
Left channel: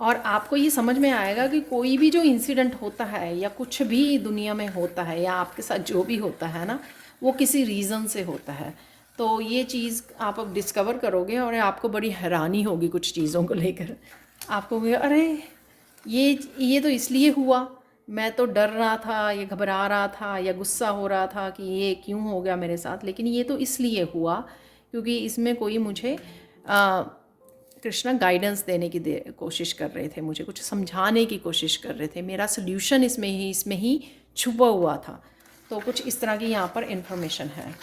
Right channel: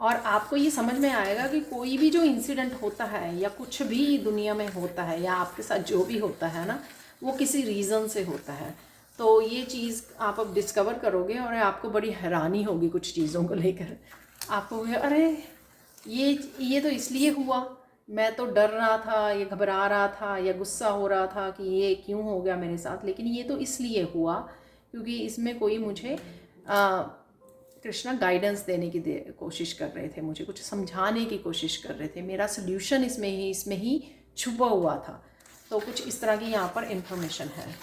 और आपको ये समझ में आएगा कि कोई भी जो इंसिडेंट होता है या कुछ भी दुनिया में होता है या आपके साथ जो भी होता है ना, वो किसी रीज़न से होता है। तो ये चीज़ आप अब डिस्कवर करोगे और आपको बड़ी हैरानी होगी कुछ चीज़ों को लेकर। आपको अरे ये तो इसलिए हुआ, मैं तो डर रहा था, ये घबरा रहा था या गुस्सा हो रहा था कि ये क्यों हो गया मेरे साथ, लेकिन ये तो इसलिए हुआ क्योंकि इसमें कोई मुझे कृष्णा गाइडेंस देने की कोशिश कर रहे थे, मुझे कुछ समझाने की कोशिश कर रहे थे, मेरा सोल्यूशन इसमें ही छुपा हुआ था। तो कुछ इस तरह की यहाँ पर इंफॉर्मेशन है।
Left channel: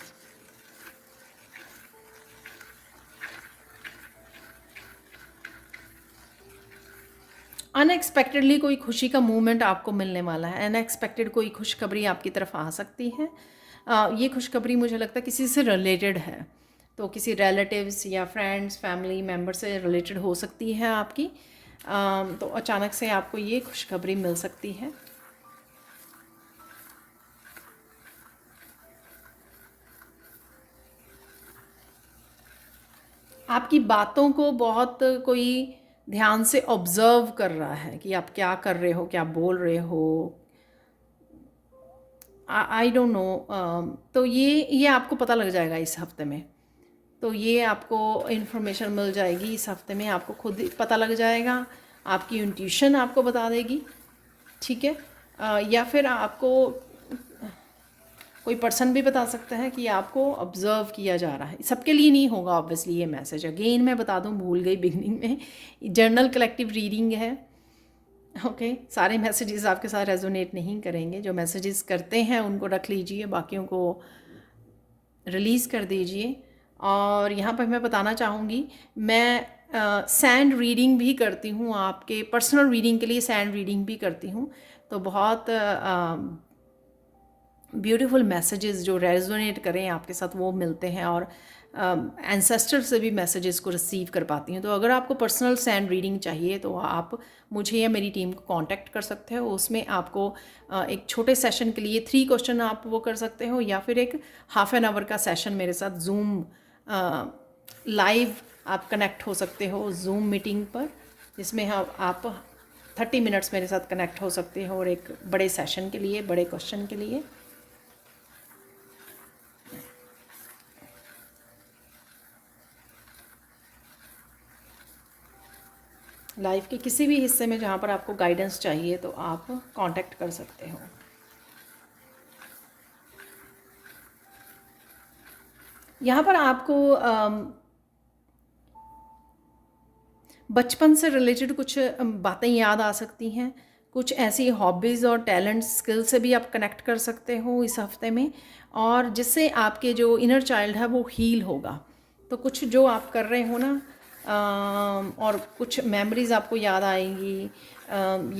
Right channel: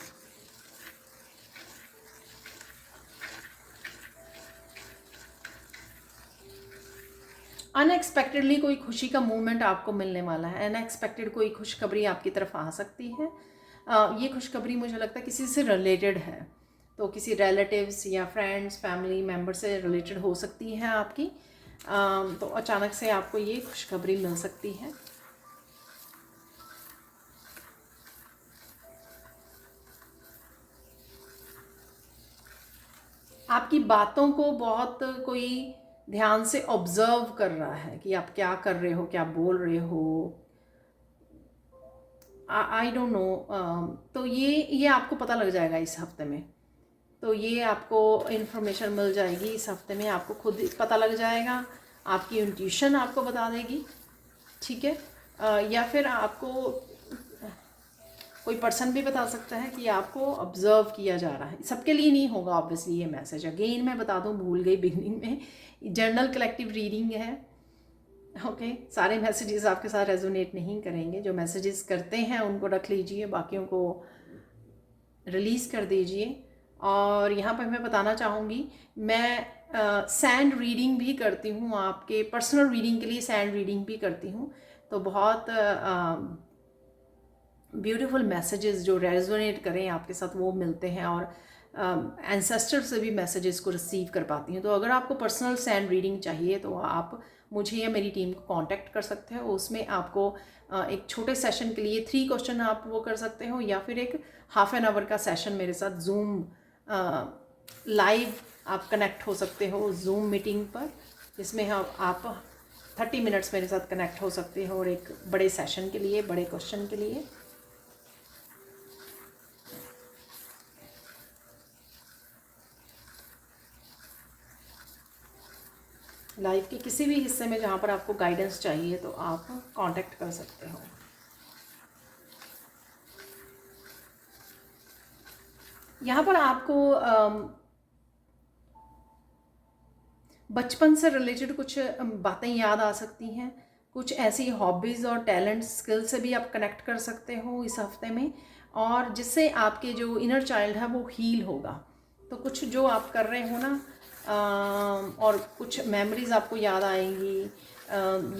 अनएक्सपेक्टेडली कोई खुशी का मूवमेंट आपको मिलने वाला है, अनएक्सपेक्टेड कोई खुशखबरी आपकी तरफ आ सकती है। ये खुशखबरी मुझे लगता है किसी से रिलेटेड है, तो किसी रिलेटिव्स या फ्रेंड्स फैमिली मेम्बर से रिलेटेड हो सकती है आपकी। तो अचानक से आपको ये खुशखबरी मिल सकती है। आपकी बातों को बहुत कोई ध्यान से ऑब्जर्व कर रहा है कि आप क्या कर रहे हो, क्या बोल रहे हो, आई डोंट नो। तो ये आपको पता लग जाएगा इस हफ्ते में, तो ये आपको इन्फॉर्मेशन मिल जाएगी इस हफ्ते में, आपको खुद पता लग जाएगा, आपकी इंट्यूशन आपको बता देगी, ठीक है। या फिर आपको कोई पर्सन भी बता सकता है कि आपको ऑब्जर्व किया जा रहा है। सबके लिए नहीं होगा ऑब्वियसली ये मैसेज, अगेन मैं बता दूं, भूल गई बिगनिंग में, जर्नल कलेक्टिव रीडिंग है, ओके। सारे मैसेजेस आपके साथ रेजोनेट नहीं करेंगे, जो मैसेजेस करते हैं उनको रख लीजिए, बाकियों को रिलीज़ कर दीजिए। और यहाँ पर मैं बताना चाहूँगी, मैं सैंड रीडिंग भी करती हूँ, आपके पर्सनल रीडिंग के लिए सैंड रीडिंग भी करती हूँ। तो बहुत ब्यूटीफुल मैसेजेस जो रेजोनेट करें आपके साथ वो मिलते हैं, और एंसेस्टर से भी मैसेजेस को रिसीव कर पाती हैं। तो अगर आपको पर्सनल सैंड रीडिंग चाहिए तो आप मुझे या मेरी टीम को कांटेक्ट कर सकते हो। उसमें आपको एक छोटे सेशन के लिए 3 क्वेश्चन आप वो कर सकते हो, या फिर एक हाफ एन आवर का सेशन मेरे साथ जूम लाइव आप कनेक्ट हो सकते हो जूम मीटिंग पर, जिसमें आप 30 मिनट्स मेरे साथ कनेक्ट हो सकते हो, और एक बड़े सेशन के लिए, बड़े क्वेश्चन के लिए। लाइफ के किसी भी हिस्से में जहाँ पर आपको गाइडेंस चाहिए तो आप कांटेक्ट कर सकते हो। यहाँ पर आपको बचपन से रिलेटेड कुछ बातें याद आ सकती हैं, कुछ ऐसी हॉबीज़ और टैलेंट स्किल से भी आप कनेक्ट कर सकते हो इस हफ्ते में, और जिससे आपके जो इनर चाइल्ड है वो हील होगा। तो कुछ जो आप कर रहे हो ना, और कुछ मेमोरीज आपको याद आएंगी,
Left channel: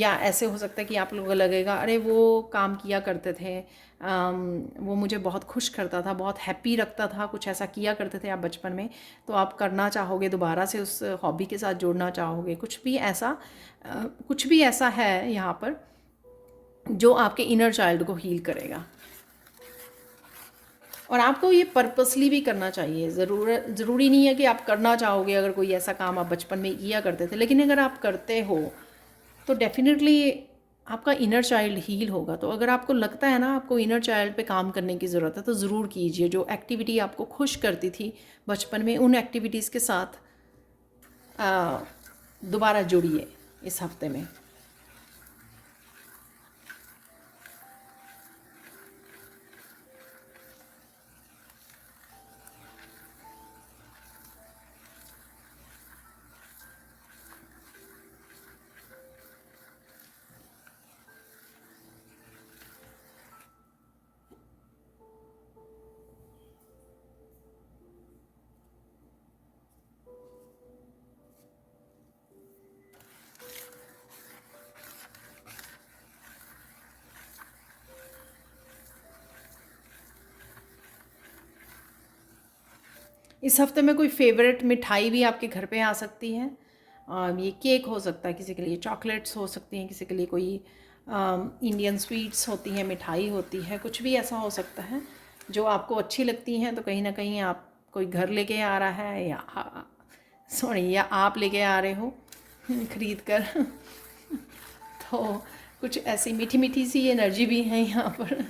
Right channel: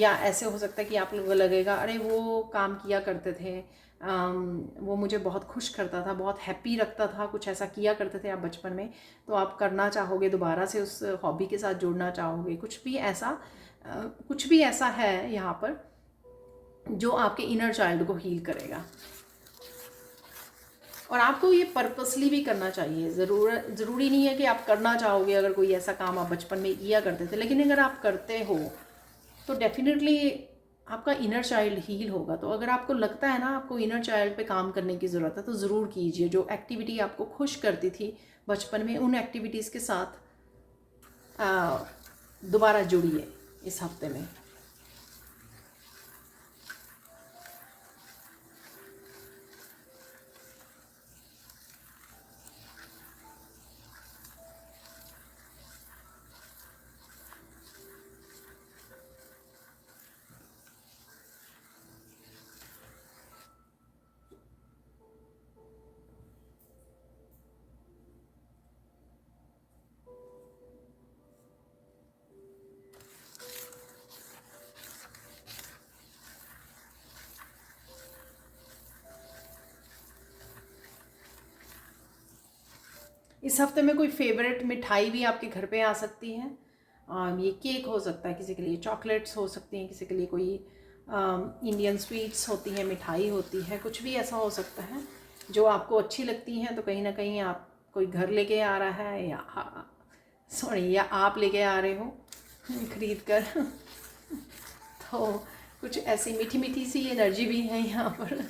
या ऐसे हो सकता है कि आप लोगों को लगेगा अरे वो काम किया करते थे, वो मुझे बहुत खुश करता था, बहुत हैप्पी रखता था, कुछ ऐसा किया करते थे आप बचपन में, तो आप करना चाहोगे, दोबारा से उस हॉबी के साथ जुड़ना चाहोगे। कुछ भी ऐसा है यहाँ पर जो आपके इनर चाइल्ड को हील करेगा, और आपको ये पर्पसली भी करना चाहिए। ज़रूरी नहीं है कि आप करना चाहोगे अगर कोई ऐसा काम आप बचपन में किया करते थे, लेकिन अगर आप करते हो तो डेफिनेटली आपका इनर चाइल्ड हील होगा। तो अगर आपको लगता है ना आपको इनर चाइल्ड पे काम करने की ज़रूरत है तो ज़रूर कीजिए। जो एक्टिविटी आपको खुश करती थी बचपन में, उन एक्टिविटीज़ के साथ दोबारा जुड़िए इस हफ्ते में। इस हफ्ते में कोई फेवरेट मिठाई भी आपके घर पे आ सकती है। ये केक हो सकता है, किसी के लिए चॉकलेट्स हो सकती हैं, किसी के लिए कोई इंडियन स्वीट्स होती हैं, मिठाई होती है, कुछ भी ऐसा हो सकता है जो आपको अच्छी लगती हैं। तो कहीं ना कहीं आप कोई घर लेके आ रहा है या या आप लेके आ रहे हो खरीद कर तो कुछ ऐसी मीठी मीठी सी एनर्जी भी है यहाँ पर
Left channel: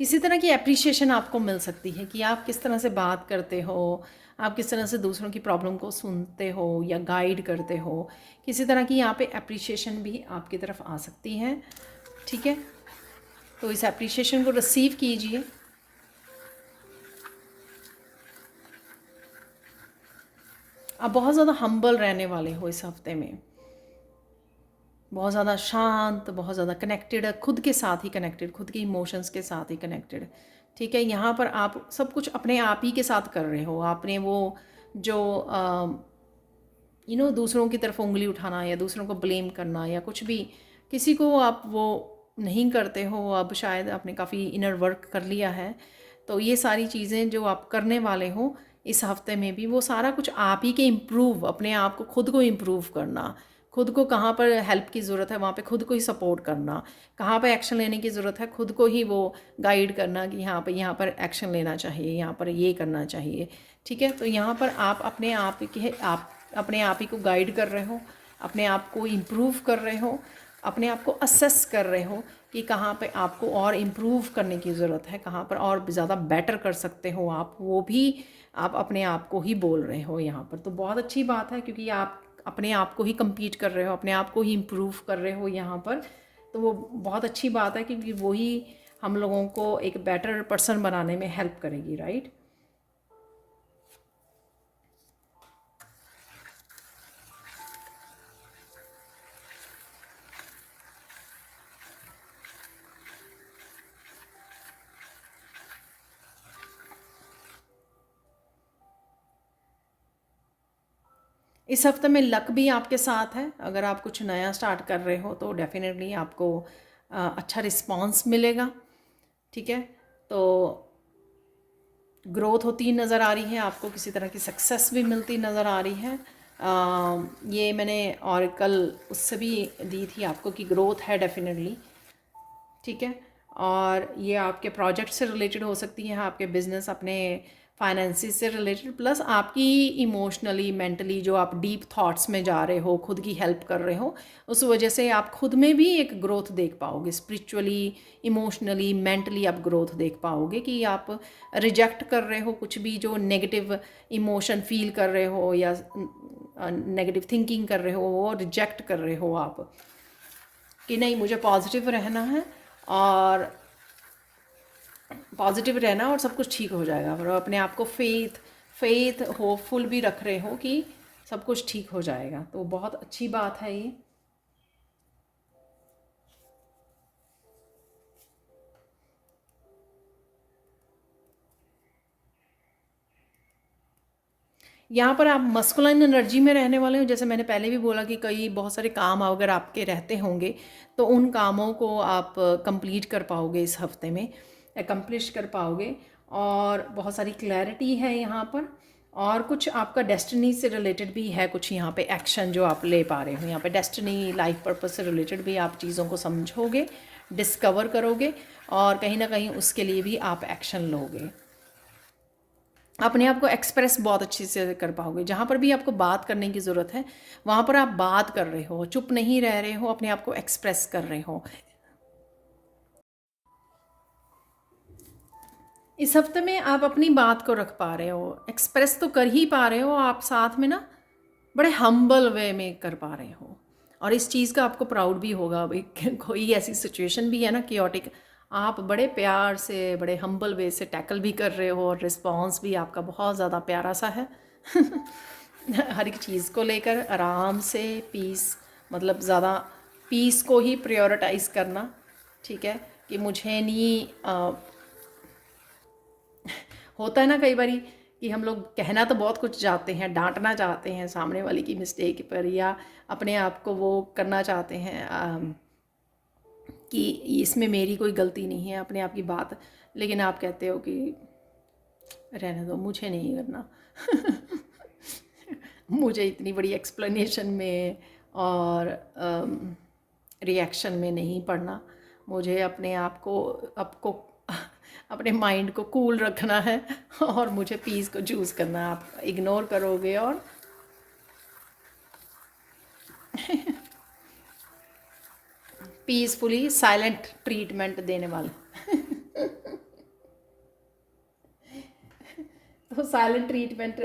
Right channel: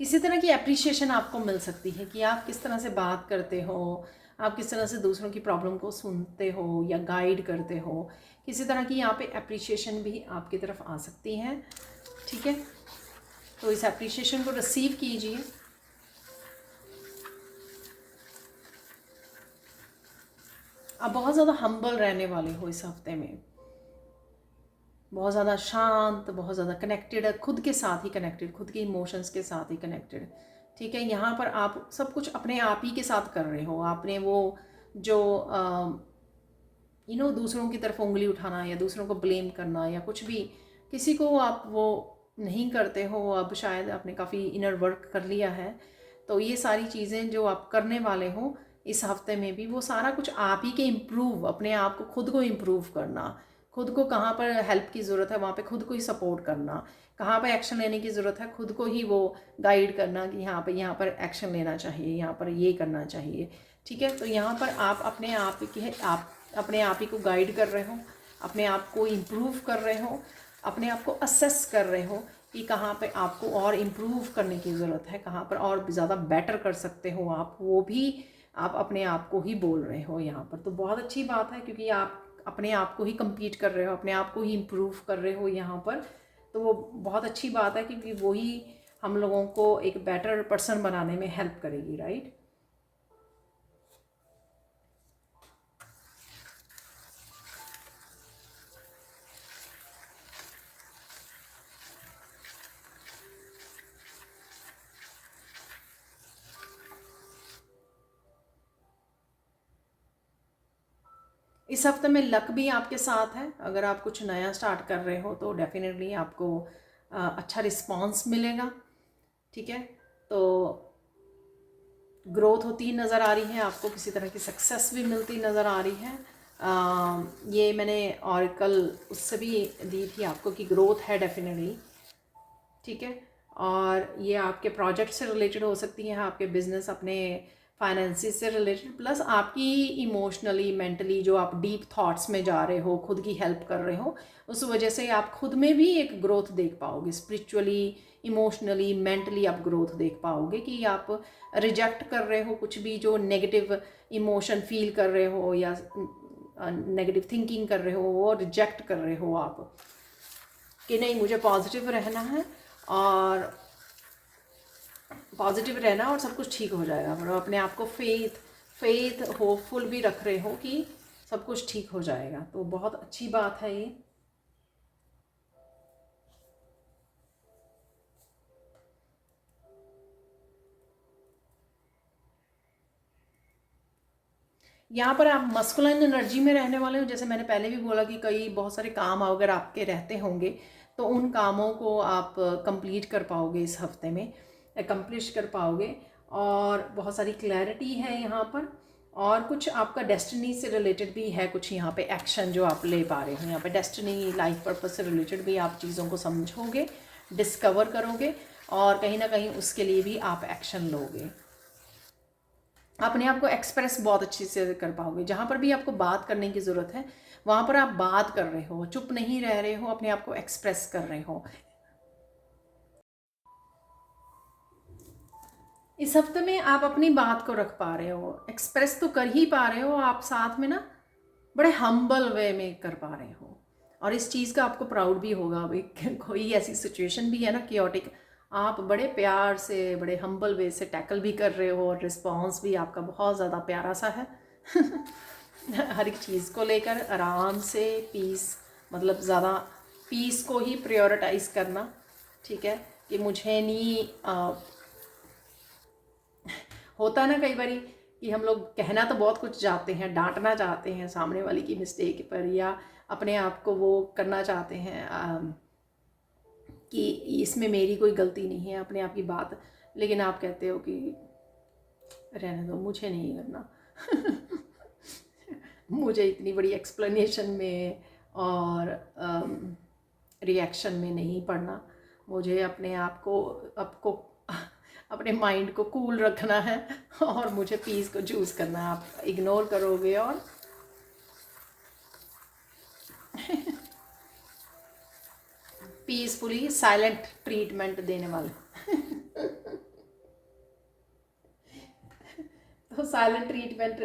किसी तरह की अप्रिशिएशन आपको मिल सकती है कि आप किस तरह से बात करते हो, आप किस तरह से दूसरों की प्रॉब्लम को सुनते हो या गाइड करते हो। किसी तरह की यहाँ पे अप्रिशिएशन भी आपकी तरफ आ सकती है। ठीक है, तो इस अप्रिशिएशन को रिसीव कीजिए। आप बहुत ज़्यादा हम्बल रहने वाले हो इस हफ्ते में, बहुत ज़्यादा शांत, बहुत ज़्यादा कनेक्टेड है, खुद के साथ ही कनेक्टेड, खुद के इमोशंस के साथ ही कनेक्टेड। ठीक है, यहाँ पर आप सब कुछ अपने आप ही के साथ कर रहे हो। आपने वो जो दूसरों की तरफ उंगली उठाना या दूसरों को ब्लेम करना या कुछ भी, किसी को आप वो नहीं करते हो। अब शायद आपने काफ़ी इनर वर्क कर लिया है। तो ये सारी चीज़ें जो आप करने वाले हो इस हफ्ते में भी, वो सारा कुछ आप ही के इम्प्रूव, अपने आप को, खुद को इम्प्रूव करना, खुद को कहाँ पर हेल्प की ज़रूरत है वहाँ पे खुद को ही सपोर्ट करना, कहाँ पे एक्शन लेने की ज़रूरत है खुद को ही वो गाइड करना कि यहाँ पर एक्शन लेना चाहिए, यहाँ पर ये करना चाहिए। ठीक है, तो यहाँ पर आप अपने आप ही को गाइड कर रहे हो, अपने आप को इम्प्रूव कर रहे हो, अपने आप को असेस कर रहे हो कि कहाँ पे आपको और इम्प्रूव करने की ज़रूरत है, कहाँ पर और ज़्यादा बेटर कर सकते हो आप, वो भी आप अपने आप को ही बोल रहे हो यहाँ पर। तो बहुत अच्छी बात है, क्योंकि आप अपने आप को ही compete कर रहे हो, अपने आप को ही इम्प्रूव कर रहे हो यहाँ पर। तो वो बहुत अच्छी बात है, क्योंकि वही हम लोगों को एक बेटर पर्सन बनाने में हेल्प करेगी, राइट। इस हफ्ते में लक भी आपके साथ है। अगर आप कुछ नया स्टार्ट कर रहे हो तो डेफिनेटली आपको अच्छा रिस्पांस मिलेगा। ठीक है, तो ग्रोथ होती नज़र आ रही है, आपको किसी तरह की सक्सेस भी मिलती नज़र आ रही है। ये मैंने और कल उससे भी दी थी आपको कि ग्रोथ है डेफिनेटली। ठीक है, और ये आपके प्रोजेक्ट से रिलेटेड हो सकती है, आपके बिजनेस, अपने फाइनेंसिस से रिलेटेड, प्लस आपकी इमोशनली, मेंटली जो आप डीप थॉट्स में जा रहे हो, खुद की हेल्प कर रहे हो, उस वजह से आप खुद में भी एक ग्रोथ देख पाओगे। स्पिरिचुअली, इमोशनली, मेंटली आप ग्रोथ देख पाओगे कि आप रिजेक्ट कर रहे हो कुछ भी जो नेगेटिव इमोशन फील कर रहे हो या नेगेटिव थिंकिंग कर रहे हो, वो रिजेक्ट कर रहे हो आप कि नहीं, मुझे पॉजिटिव रहना है और पॉजिटिव रहना और सब कुछ ठीक हो जाएगा। और अपने आप को फेथ होपफुल भी रख रहे हो कि सब कुछ ठीक हो जाएगा। तो बहुत अच्छी बात है ये। यहाँ पर आप मस्कुलाइन एनर्जी में रहने वाले हो। जैसे मैंने पहले भी बोला कि कई बहुत सारे काम अगर आपके रहते होंगे तो उन कामों को आप कंप्लीट कर पाओगे इस हफ्ते में, अकम्प्लिश कर पाओगे। और बहुत सारी क्लैरिटी है यहाँ पर, और कुछ आपका डेस्टिनी से रिलेटेड भी है, कुछ यहाँ पे एक्शन जो आप ले पा रहे हो। यहाँ पे डेस्टिनी, लाइफ पर्पस से रिलेटेड भी आप चीज़ों को समझोगे, डिस्कवर करोगे और कहीं ना कहीं उसके लिए भी आप एक्शन लोगे। अपने आप को एक्सप्रेस बहुत अच्छे से कर पाओगे। जहाँ पर भी आपको बात करने की ज़रूरत है वहाँ पर आप बात कर रहे हो, चुप नहीं रह रहे हो, अपने आप को एक्सप्रेस कर रहे हो। इस हफ्ते में आप अपनी बात को रख पा रहे हो, एक्सप्रेस तो कर ही पा रहे हो आप, साथ में ना बड़े हम्बल वे में कर पा रहे हो। और इस चीज़ का आपको प्राउड भी होगा भाई। कोई ऐसी सिचुएशन भी है ना कियोटिक, आप बड़े प्यार से, बड़े हम्बल वे से टैकल भी कर रहे हो और रिस्पॉन्स भी आपका बहुत ज़्यादा प्यारा सा है। हर एक चीज़ को लेकर आराम से, पीस, मतलब ज़्यादा पीस को ही प्रायोरिटाइज करना, ठीक है। कि मुझे नहीं होता है ना कई बारी कि हम लोग कहना तो बहुत कुछ चाहते हैं, डांटना चाहते हैं सामने वाले की मिस्टेक पर, या अपने आप को वो करना चाहते हैं कि इसमें मेरी कोई गलती नहीं है, अपने आप की बात, लेकिन आप कहते हो कि रहने दो, मुझे नहीं करना। मुझे इतनी बड़ी एक्सप्लेनेशन में और रिएक्शन में नहीं पड़ना, मुझे अपने आप को, आपको अपने माइंड को कूल रखना है और मुझे पीस को चूज़ करना है। आप इग्नोर करोगे और पीसफुली साइलेंट ट्रीटमेंट देने वाला। तो साइलेंट ट्रीटमेंट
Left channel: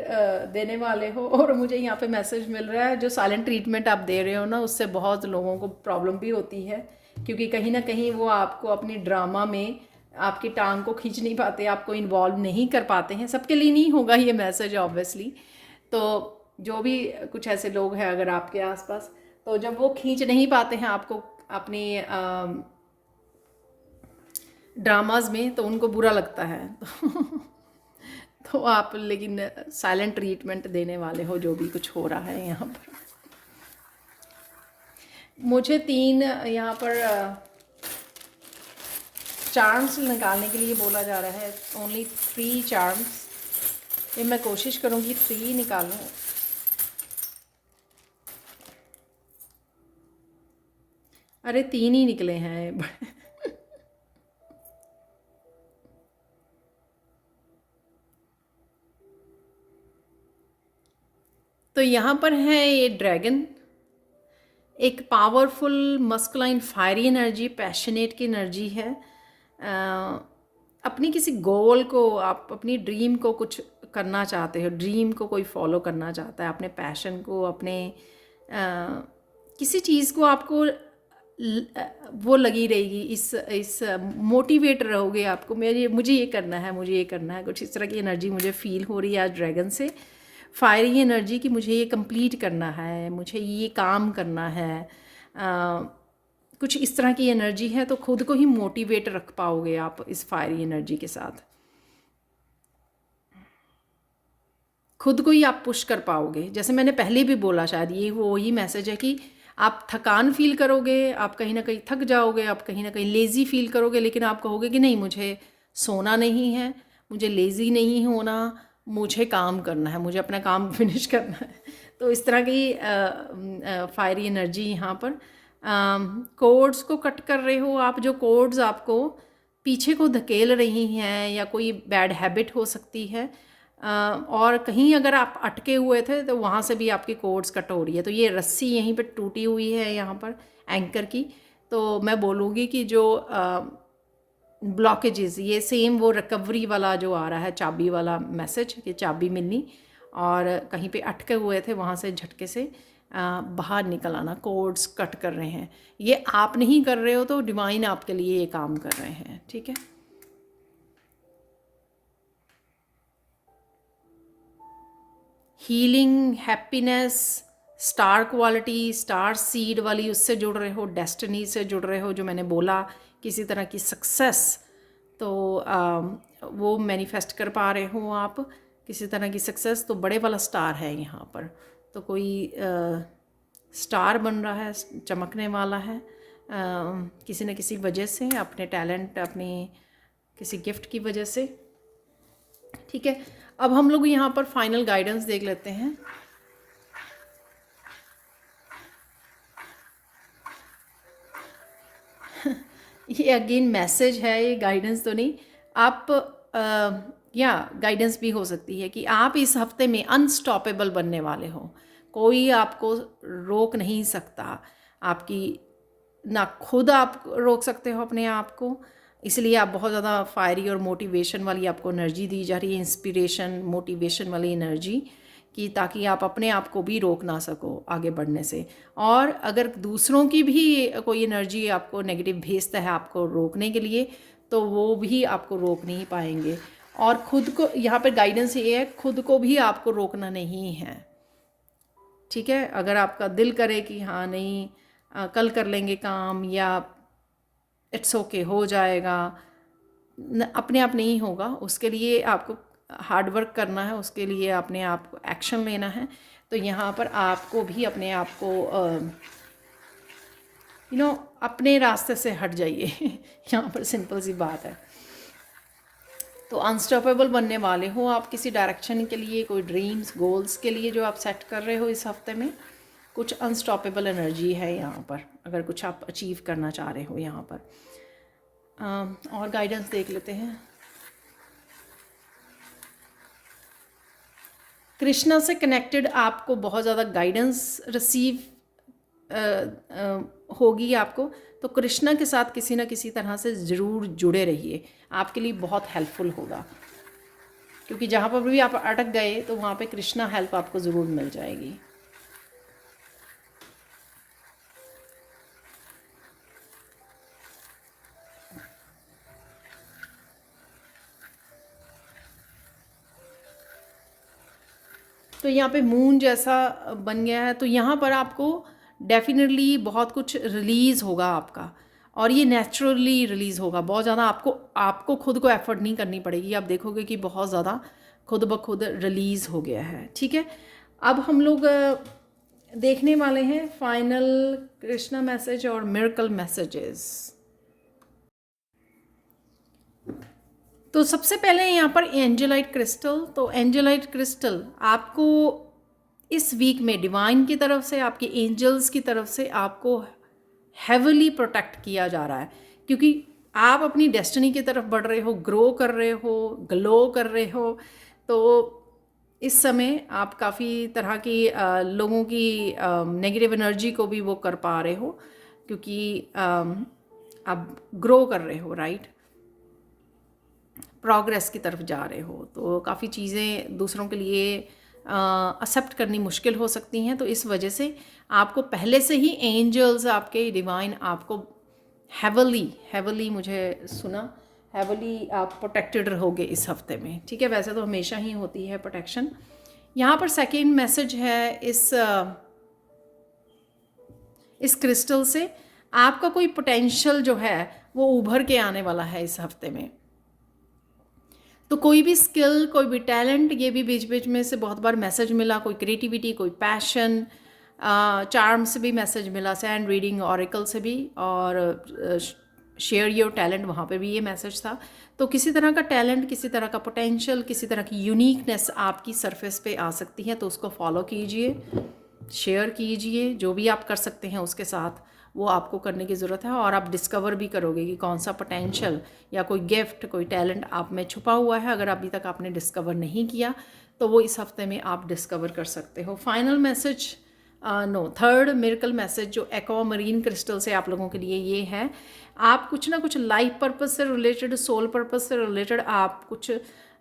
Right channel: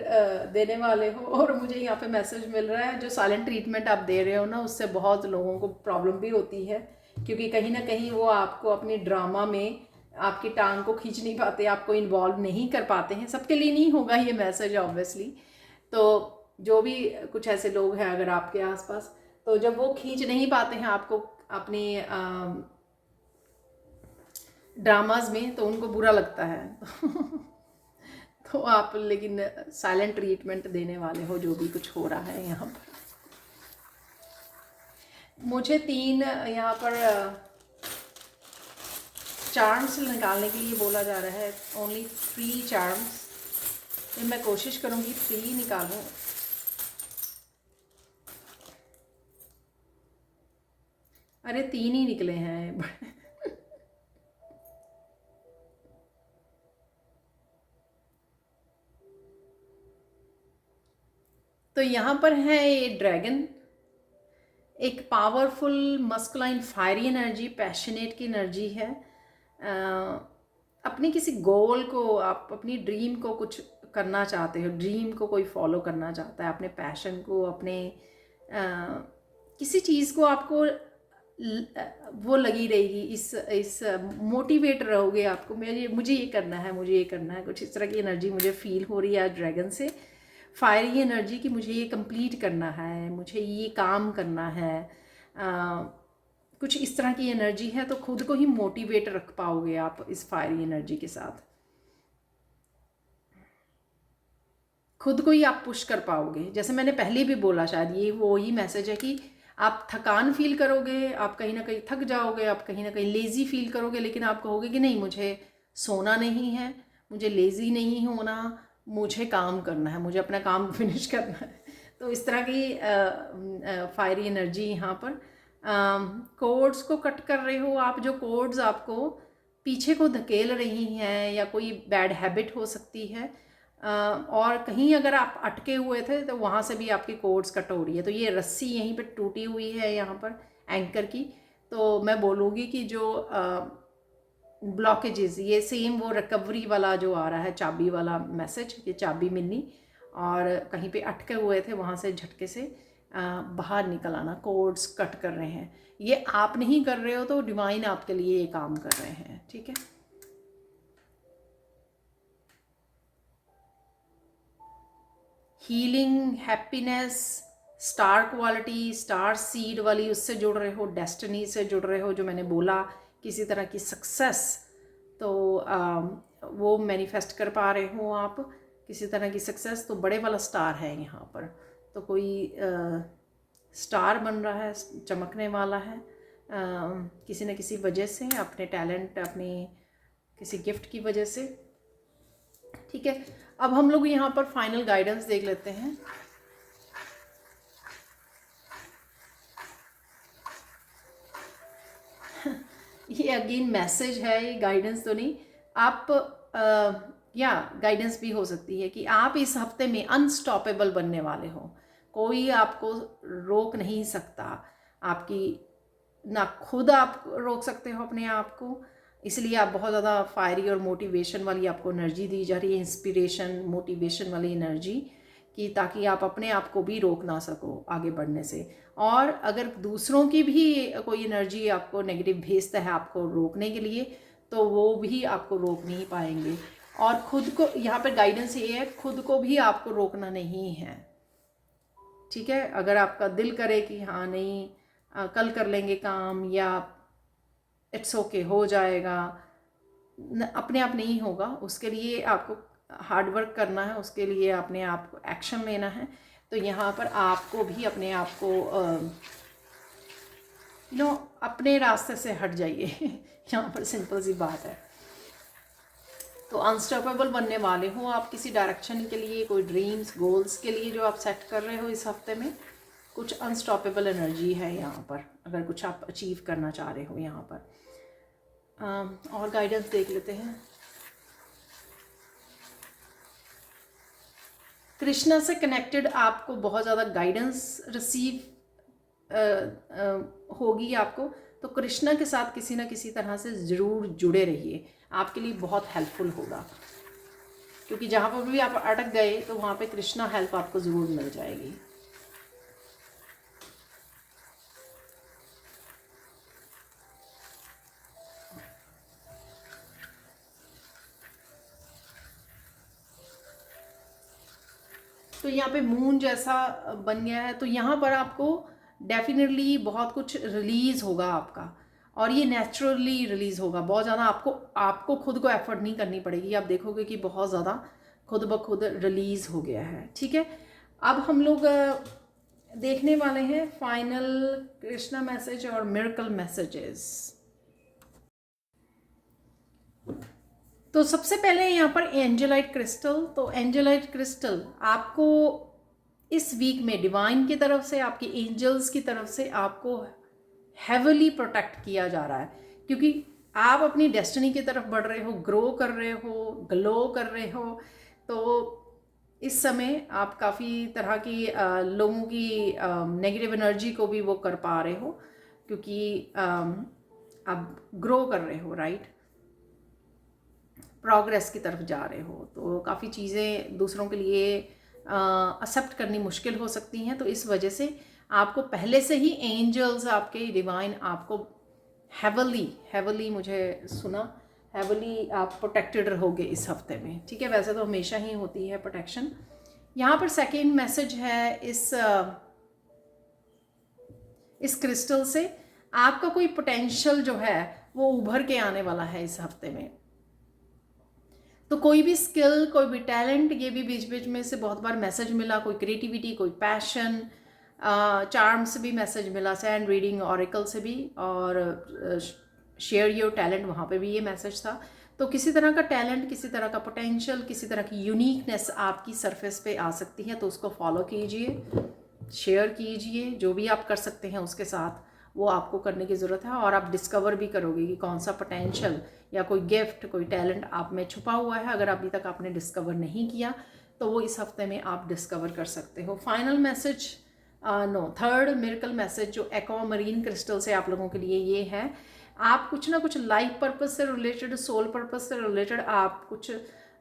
देने वाले हो। और मुझे यहाँ पे मैसेज मिल रहा है, जो साइलेंट ट्रीटमेंट आप दे रहे हो ना, उससे बहुत लोगों को प्रॉब्लम भी होती है, क्योंकि कहीं ना कहीं वो आपको अपनी ड्रामा में आपकी टांग को खींच नहीं पाते, आपको इन्वॉल्व नहीं कर पाते हैं। सबके लिए नहीं होगा ये मैसेज ऑब्वियसली। तो जो भी कुछ ऐसे लोग हैं अगर आपके आसपास, तो जब वो खींच नहीं पाते हैं आपको अपनी ड्रामाज में, तो उनको बुरा लगता है। तो आप लेकिन साइलेंट ट्रीटमेंट देने वाले हो जो भी कुछ हो रहा है यहाँ पर। मुझे 3 यहाँ पर चार्म्स निकालने के लिए बोला जा रहा है, ओनली 3 चार्म्स। ये मैं कोशिश करूँगी 3 निकालूँ। अरे 3 ही निकले हैं। तो यहाँ पर है ये ड्रैगन, एक powerful masculine fiery energy, passionate की एनर्जी है। अपनी किसी गोल को, आप अपनी ड्रीम को कुछ करना चाहते हो, ड्रीम को कोई फॉलो करना चाहता है, अपने पैशन को, अपने किसी चीज़ को आपको वो लगी रहेगी, इस मोटिवेट रहोगे आपको, मुझे ये करना है, मुझे ये करना है। कुछ इस तरह की एनर्जी मुझे फील हो रही है आज ड्रैगन से, फायरी एनर्जी कि मुझे ये कंप्लीट करना है, मुझे ये काम करना है। कुछ इस तरह की एनर्जी है, तो खुद को ही मोटिवेट रख पाओगे आप इस फायरी एनर्जी के साथ। खुद को ही आप पुश कर पाओगे। जैसे मैंने पहले भी बोला, शायद ये वो ही मैसेज है कि आप थकान फील करोगे, आप कहीं ना कहीं थक जाओगे, आप कहीं ना कहीं लेज़ी फील करोगे, लेकिन आप कहोगे कि नहीं, मुझे सोना नहीं है, मुझे लेज़ी नहीं होना, मुझे काम करना है, मुझे अपना काम फिनिश करना है। तो इस तरह की फायरी एनर्जी यहाँ पर। कोड्स को कट कर रहे हो आप, जो कोड्स आपको पीछे को धकेल रही हैं, या कोई बैड हैबिट हो सकती है, और कहीं अगर आप अटके हुए थे तो वहाँ से भी आपकी कोड्स कट हो रही है। तो ये रस्सी यहीं पे टूटी हुई है यहाँ पर एंकर की। तो मैं बोलूँगी कि जो ब्लॉकेजेस, ये सेम वो रिकवरी वाला जो आ रहा है, चाबी वाला मैसेज कि चाबी मिलनी, और कहीं पे अटके हुए थे वहाँ से झटके से बाहर निकल आना, कोड्स कट कर रहे हैं। ये आप नहीं कर रहे हो, तो डिवाइन आपके लिए ये काम कर रहे हैं, ठीक है। Healing, happiness, star quality, star seed वाली, उससे जुड़ रहे हो, डेस्टिनी से जुड़ रहे हो, जो मैंने बोला, किसी तरह की सक्सेस, तो वो मैनिफेस्ट कर पा रहे हो आप, किसी तरह की सक्सेस। तो बड़े वाला स्टार है यहाँ पर, तो कोई स्टार बन रहा है, चमकने वाला है किसी न किसी वजह से, अपने टैलेंट, अपनी किसी गिफ्ट की वजह से, ठीक है। अब हम लोग यहाँ पर फाइनल गाइडेंस देख लेते हैं। ये अगेन मैसेज है, ये गाइडेंस तो नहीं। आप या गाइडेंस भी हो सकती है कि आप इस हफ्ते में अनस्टॉपेबल बनने वाले हो। कोई आपको रोक नहीं सकता, आपकी ना खुद आप रोक सकते हो अपने आप को। इसलिए आप बहुत ज़्यादा फायरी और मोटिवेशन वाली आपको एनर्जी दी जा रही है, इंस्पिरेशन मोटिवेशन वाली एनर्जी, कि ताकि आप अपने आप को भी रोक ना सको आगे बढ़ने से। और अगर दूसरों की भी कोई एनर्जी आपको नेगेटिव भेजता है आपको रोकने के लिए, तो वो भी आपको रोक नहीं पाएंगे। और खुद को, यहाँ पर गाइडेंस ये है, खुद को भी आपको रोकना नहीं है, ठीक है। अगर आपका दिल करे कि हाँ नहीं कल कर लेंगे काम, या इट्स ओके हो जाएगा, अपने आप नहीं होगा। उसके लिए आपको हार्ड वर्क करना है, उसके लिए अपने आप को एक्शन लेना है। तो यहाँ पर आपको भी अपने आप को अपने रास्ते से हट जाइए। यहाँ पर सिंपल सी बात है। तो अनस्टॉपेबल बनने वाले हो आप किसी डायरेक्शन के लिए, कोई ड्रीम्स गोल्स के लिए जो आप सेट कर रहे हो इस हफ्ते में। कुछ अनस्टॉपेबल एनर्जी है यहाँ पर, अगर कुछ आप अचीव करना चाह रहे हो यहाँ पर। और गाइडेंस देख लेते हैं। कृष्णा से कनेक्टेड आपको बहुत ज़्यादा गाइडेंस रिसीव होगी आपको। तो कृष्णा के साथ किसी ना किसी तरह से ज़रूर जुड़े रहिए, आपके लिए बहुत हेल्पफुल होगा। क्योंकि जहाँ पर भी आप अटक गए तो वहाँ पे कृष्णा हेल्प आपको ज़रूर मिल जाएगी। तो यहाँ पे मून जैसा बन गया है, तो यहाँ पर आपको डेफिनेटली बहुत कुछ रिलीज़ होगा आपका, और ये नेचुरली रिलीज़ होगा। बहुत ज़्यादा आपको खुद को एफर्ट नहीं करनी पड़ेगी। आप देखोगे कि बहुत ज़्यादा खुद ब खुद रिलीज़ हो गया है, ठीक है। अब हम लोग देखने वाले हैं फाइनल कृष्णा मैसेज और मिरेकल मैसेजेस। तो सबसे पहले यहाँ पर एंजेलाइट क्रिस्टल। तो एंजेलाइट क्रिस्टल आपको इस वीक में डिवाइन की तरफ से, आपके एंजल्स की तरफ से आपको हेवली प्रोटेक्ट किया जा रहा है। क्योंकि आप अपनी डेस्टिनी की तरफ बढ़ रहे हो, ग्रो कर रहे हो, ग्लो कर रहे हो। तो इस समय आप काफ़ी तरह की लोगों की नेगेटिव एनर्जी को भी वो कर पा रहे हो, क्योंकि आप ग्रो कर रहे हो, राइट, प्रोग्रेस की तरफ जा रहे हो। तो काफ़ी चीज़ें दूसरों के लिए एक्सेप्ट करनी मुश्किल हो सकती हैं। तो इस वजह से आपको पहले से ही एंजल्स, आपके डिवाइन आपको हेवली मुझे सुना, हेवली आप प्रोटेक्टेड रहोगे इस हफ्ते में, ठीक है। वैसे तो हमेशा ही होती है प्रोटेक्शन। यहाँ पर सेकेंड मैसेज है इस क्रिस्टल से, आपका कोई पोटेंशियल जो है वो उभर के आने वाला है इस हफ्ते में। तो कोई भी स्किल, कोई भी टैलेंट, ये भी बीच बीच में से बहुत बार मैसेज मिला, कोई क्रिएटिविटी, कोई पैशन, चार्म से भी मैसेज मिला, सैंड रीडिंग, ऑरेकल से भी, और शेयर योर टैलेंट, वहाँ पे भी ये मैसेज था। तो किसी तरह का टैलेंट, किसी तरह का पोटेंशियल, किसी तरह की यूनिकनेस आपकी सरफेस पे आ सकती है। तो उसको फॉलो कीजिए, शेयर कीजिए, जो भी आप कर सकते हैं उसके साथ वो आपको करने की ज़रूरत है। और आप डिस्कवर भी करोगे कि कौन सा पोटेंशियल या कोई गिफ्ट, कोई टैलेंट आप में छुपा हुआ है। अगर अभी तक आपने डिस्कवर नहीं किया तो वो इस हफ्ते में आप डिस्कवर कर सकते हो। Final message, third miracle message जो एक्वामरीन क्रिस्टल से आप लोगों के लिए ये है, आप कुछ ना कुछ लाइफ पर्पस से रिलेटेड, सोल पर्पस से रिलेटेड, आप कुछ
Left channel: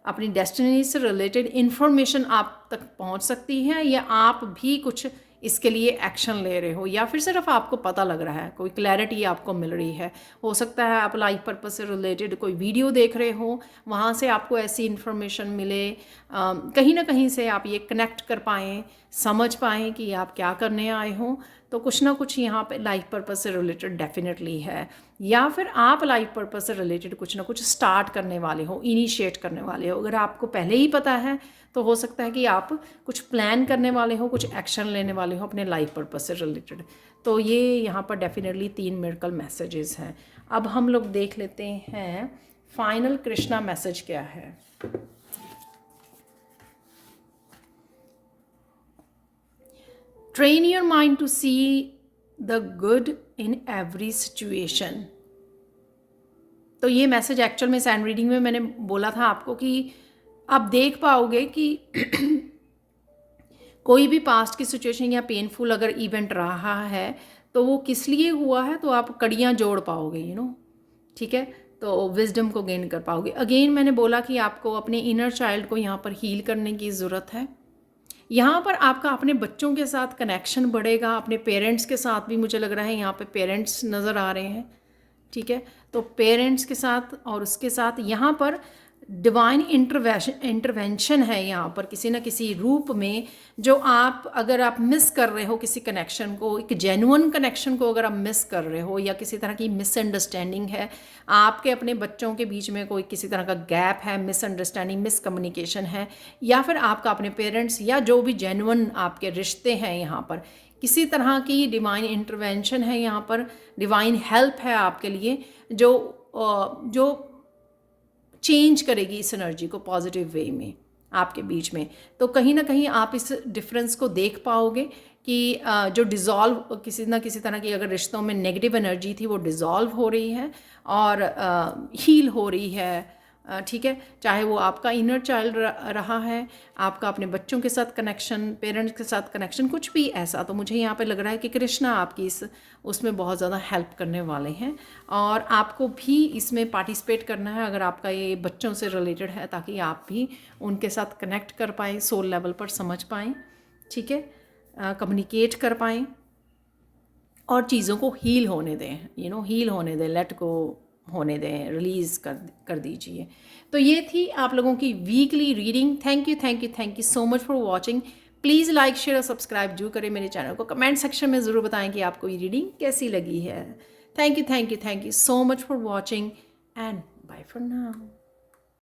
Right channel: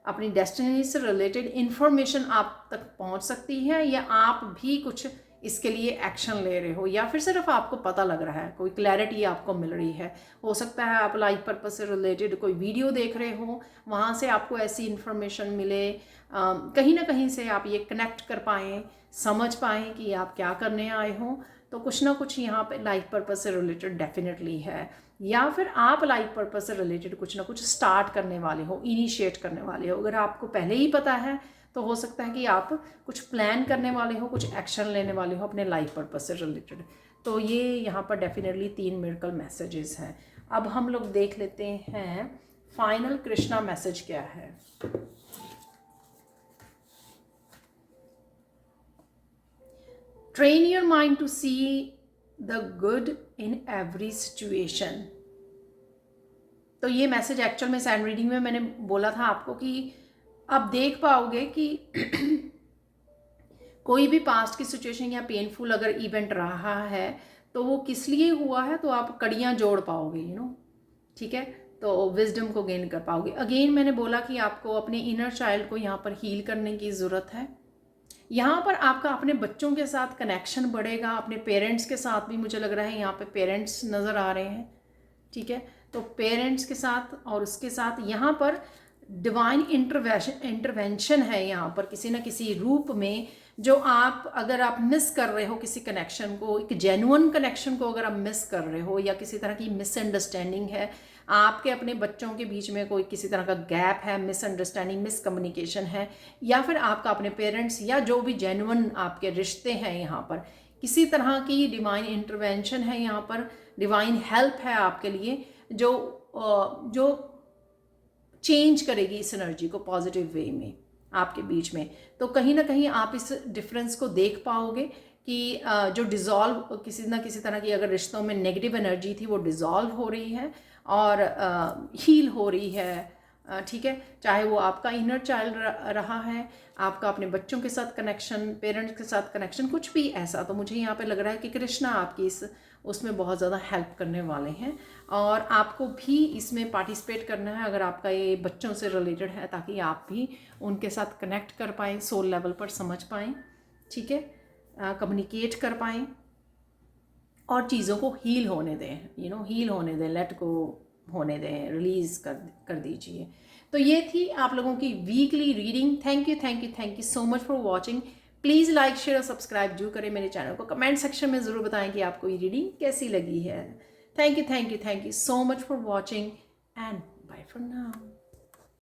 अपनी डेस्टिनी से रिलेटेड इंफॉर्मेशन आप तक पहुंच सकती है, या आप भी कुछ इसके लिए एक्शन ले रहे हो, या फिर सिर्फ आपको पता लग रहा है, कोई क्लैरिटी आपको मिल रही है। हो सकता है आप लाइफ पर्पस से रिलेटेड कोई वीडियो देख रहे हो, वहाँ से आपको ऐसी इन्फॉर्मेशन मिले, कहीं ना कहीं से आप ये कनेक्ट कर पाएँ, समझ पाएँ कि आप क्या करने आए हो। तो कुछ ना कुछ यहाँ पे लाइफ पर्पस से रिलेटेड डेफिनेटली है, या फिर आप लाइफ पर्पस से रिलेटेड कुछ ना कुछ स्टार्ट करने वाले हो, इनिशिएट करने वाले हो। अगर आपको पहले ही पता है तो हो सकता है कि आप कुछ प्लान करने वाले हो, कुछ एक्शन लेने वाले हो अपने लाइफ पर्पस से रिलेटेड। तो ये यहाँ पर डेफिनेटली 3 मिरेकल मैसेजेस हैं। अब हम लोग देख लेते हैं फाइनल कृष्णा मैसेज क्या है। Train your mind to see the good in every situation. तो ये मैसेज एक्चुअल में सैंड रीडिंग में मैंने बोला था आपको कि आप देख पाओगे कि कोई भी पास्ट की सिचुएशन या पेनफुल अगर इवेंट रहा है तो वो किस लिए हुआ है, तो आप कड़ियाँ जोड़ पाओगे, ठीक है। तो विजडम को गेन कर पाओगे। अगेन मैंने बोला कि आपको अपने इनर चाइल्ड को यहाँ पर हील करने की ज़रूरत है। यहाँ पर आपका अपने बच्चों के साथ कनेक्शन बढ़ेगा, अपने पेरेंट्स के साथ भी मुझे लग रहा है यहाँ पे पेरेंट्स नज़र आ रहे हैं, ठीक है। तो पेरेंट्स के साथ और उसके साथ यहाँ पर डिवाइन इंटरवेंशन है यहाँ पर किसी न किसी रूप में, जो आप अगर आप मिस कर रहे हो किसी कनेक्शन को, एक जेन्युइन कनेक्शन को अगर आप मिस कर रहे हो, या किसी तरह की मिसअंडरस्टैंडिंग है, आपके अपने बच्चों के बीच में कोई किसी तरह का गैप है, मिसअंडरस्टैंडिंग, मिसकम्युनिकेशन है, या फिर आपका अपने पेरेंट्स या जो भी जेन्युइन आपके रिश्ते हैं, यहाँ पर किसी तरह की डिवाइन इंटरवेंशन है, यहाँ पर डिवाइन हेल्प है आपके लिए, जो चेंज करेगी इस एनर्जी को पॉजिटिव वे में आपके बीच में। तो कहीं ना कहीं आप इस डिफरेंस को देख पाओगे कि जो डिज़ोल्व किसी ना किसी तरह की अगर रिश्तों में नेगेटिव एनर्जी थी वो डिज़ोल्व हो रही है और हील हो रही है, ठीक है। चाहे वो आपका इनर चाइल्ड रहा है, आपका अपने बच्चों के साथ कनेक्शन, पेरेंट्स के साथ कनेक्शन, कुछ भी ऐसा, तो मुझे यहाँ पे लग रहा है कि कृष्णा आपकी उसमें बहुत ज़्यादा हेल्प करने वाले हैं और आपको भी इसमें पार्टिसिपेट करना है अगर आपका ये बच्चों से रिलेटेड है, ताकि आप भी उनके साथ कनेक्ट कर पाएँ, सोल लेवल पर समझ पाएँ, ठीक है, कम्युनिकेट कर पाएँ और चीज़ों को हील होने दें, हील होने दें, लेट को होने दें, रिलीज़ कर दीजिए। तो ये थी आप लोगों की weekly reading. Thank you so much for watching. Please like, share और सब्सक्राइब जरूर करें मेरे चैनल को। कमेंट सेक्शन में ज़रूर बताएं कि आपको ये रीडिंग कैसी लगी है। Thank you so much for watching and bye for now.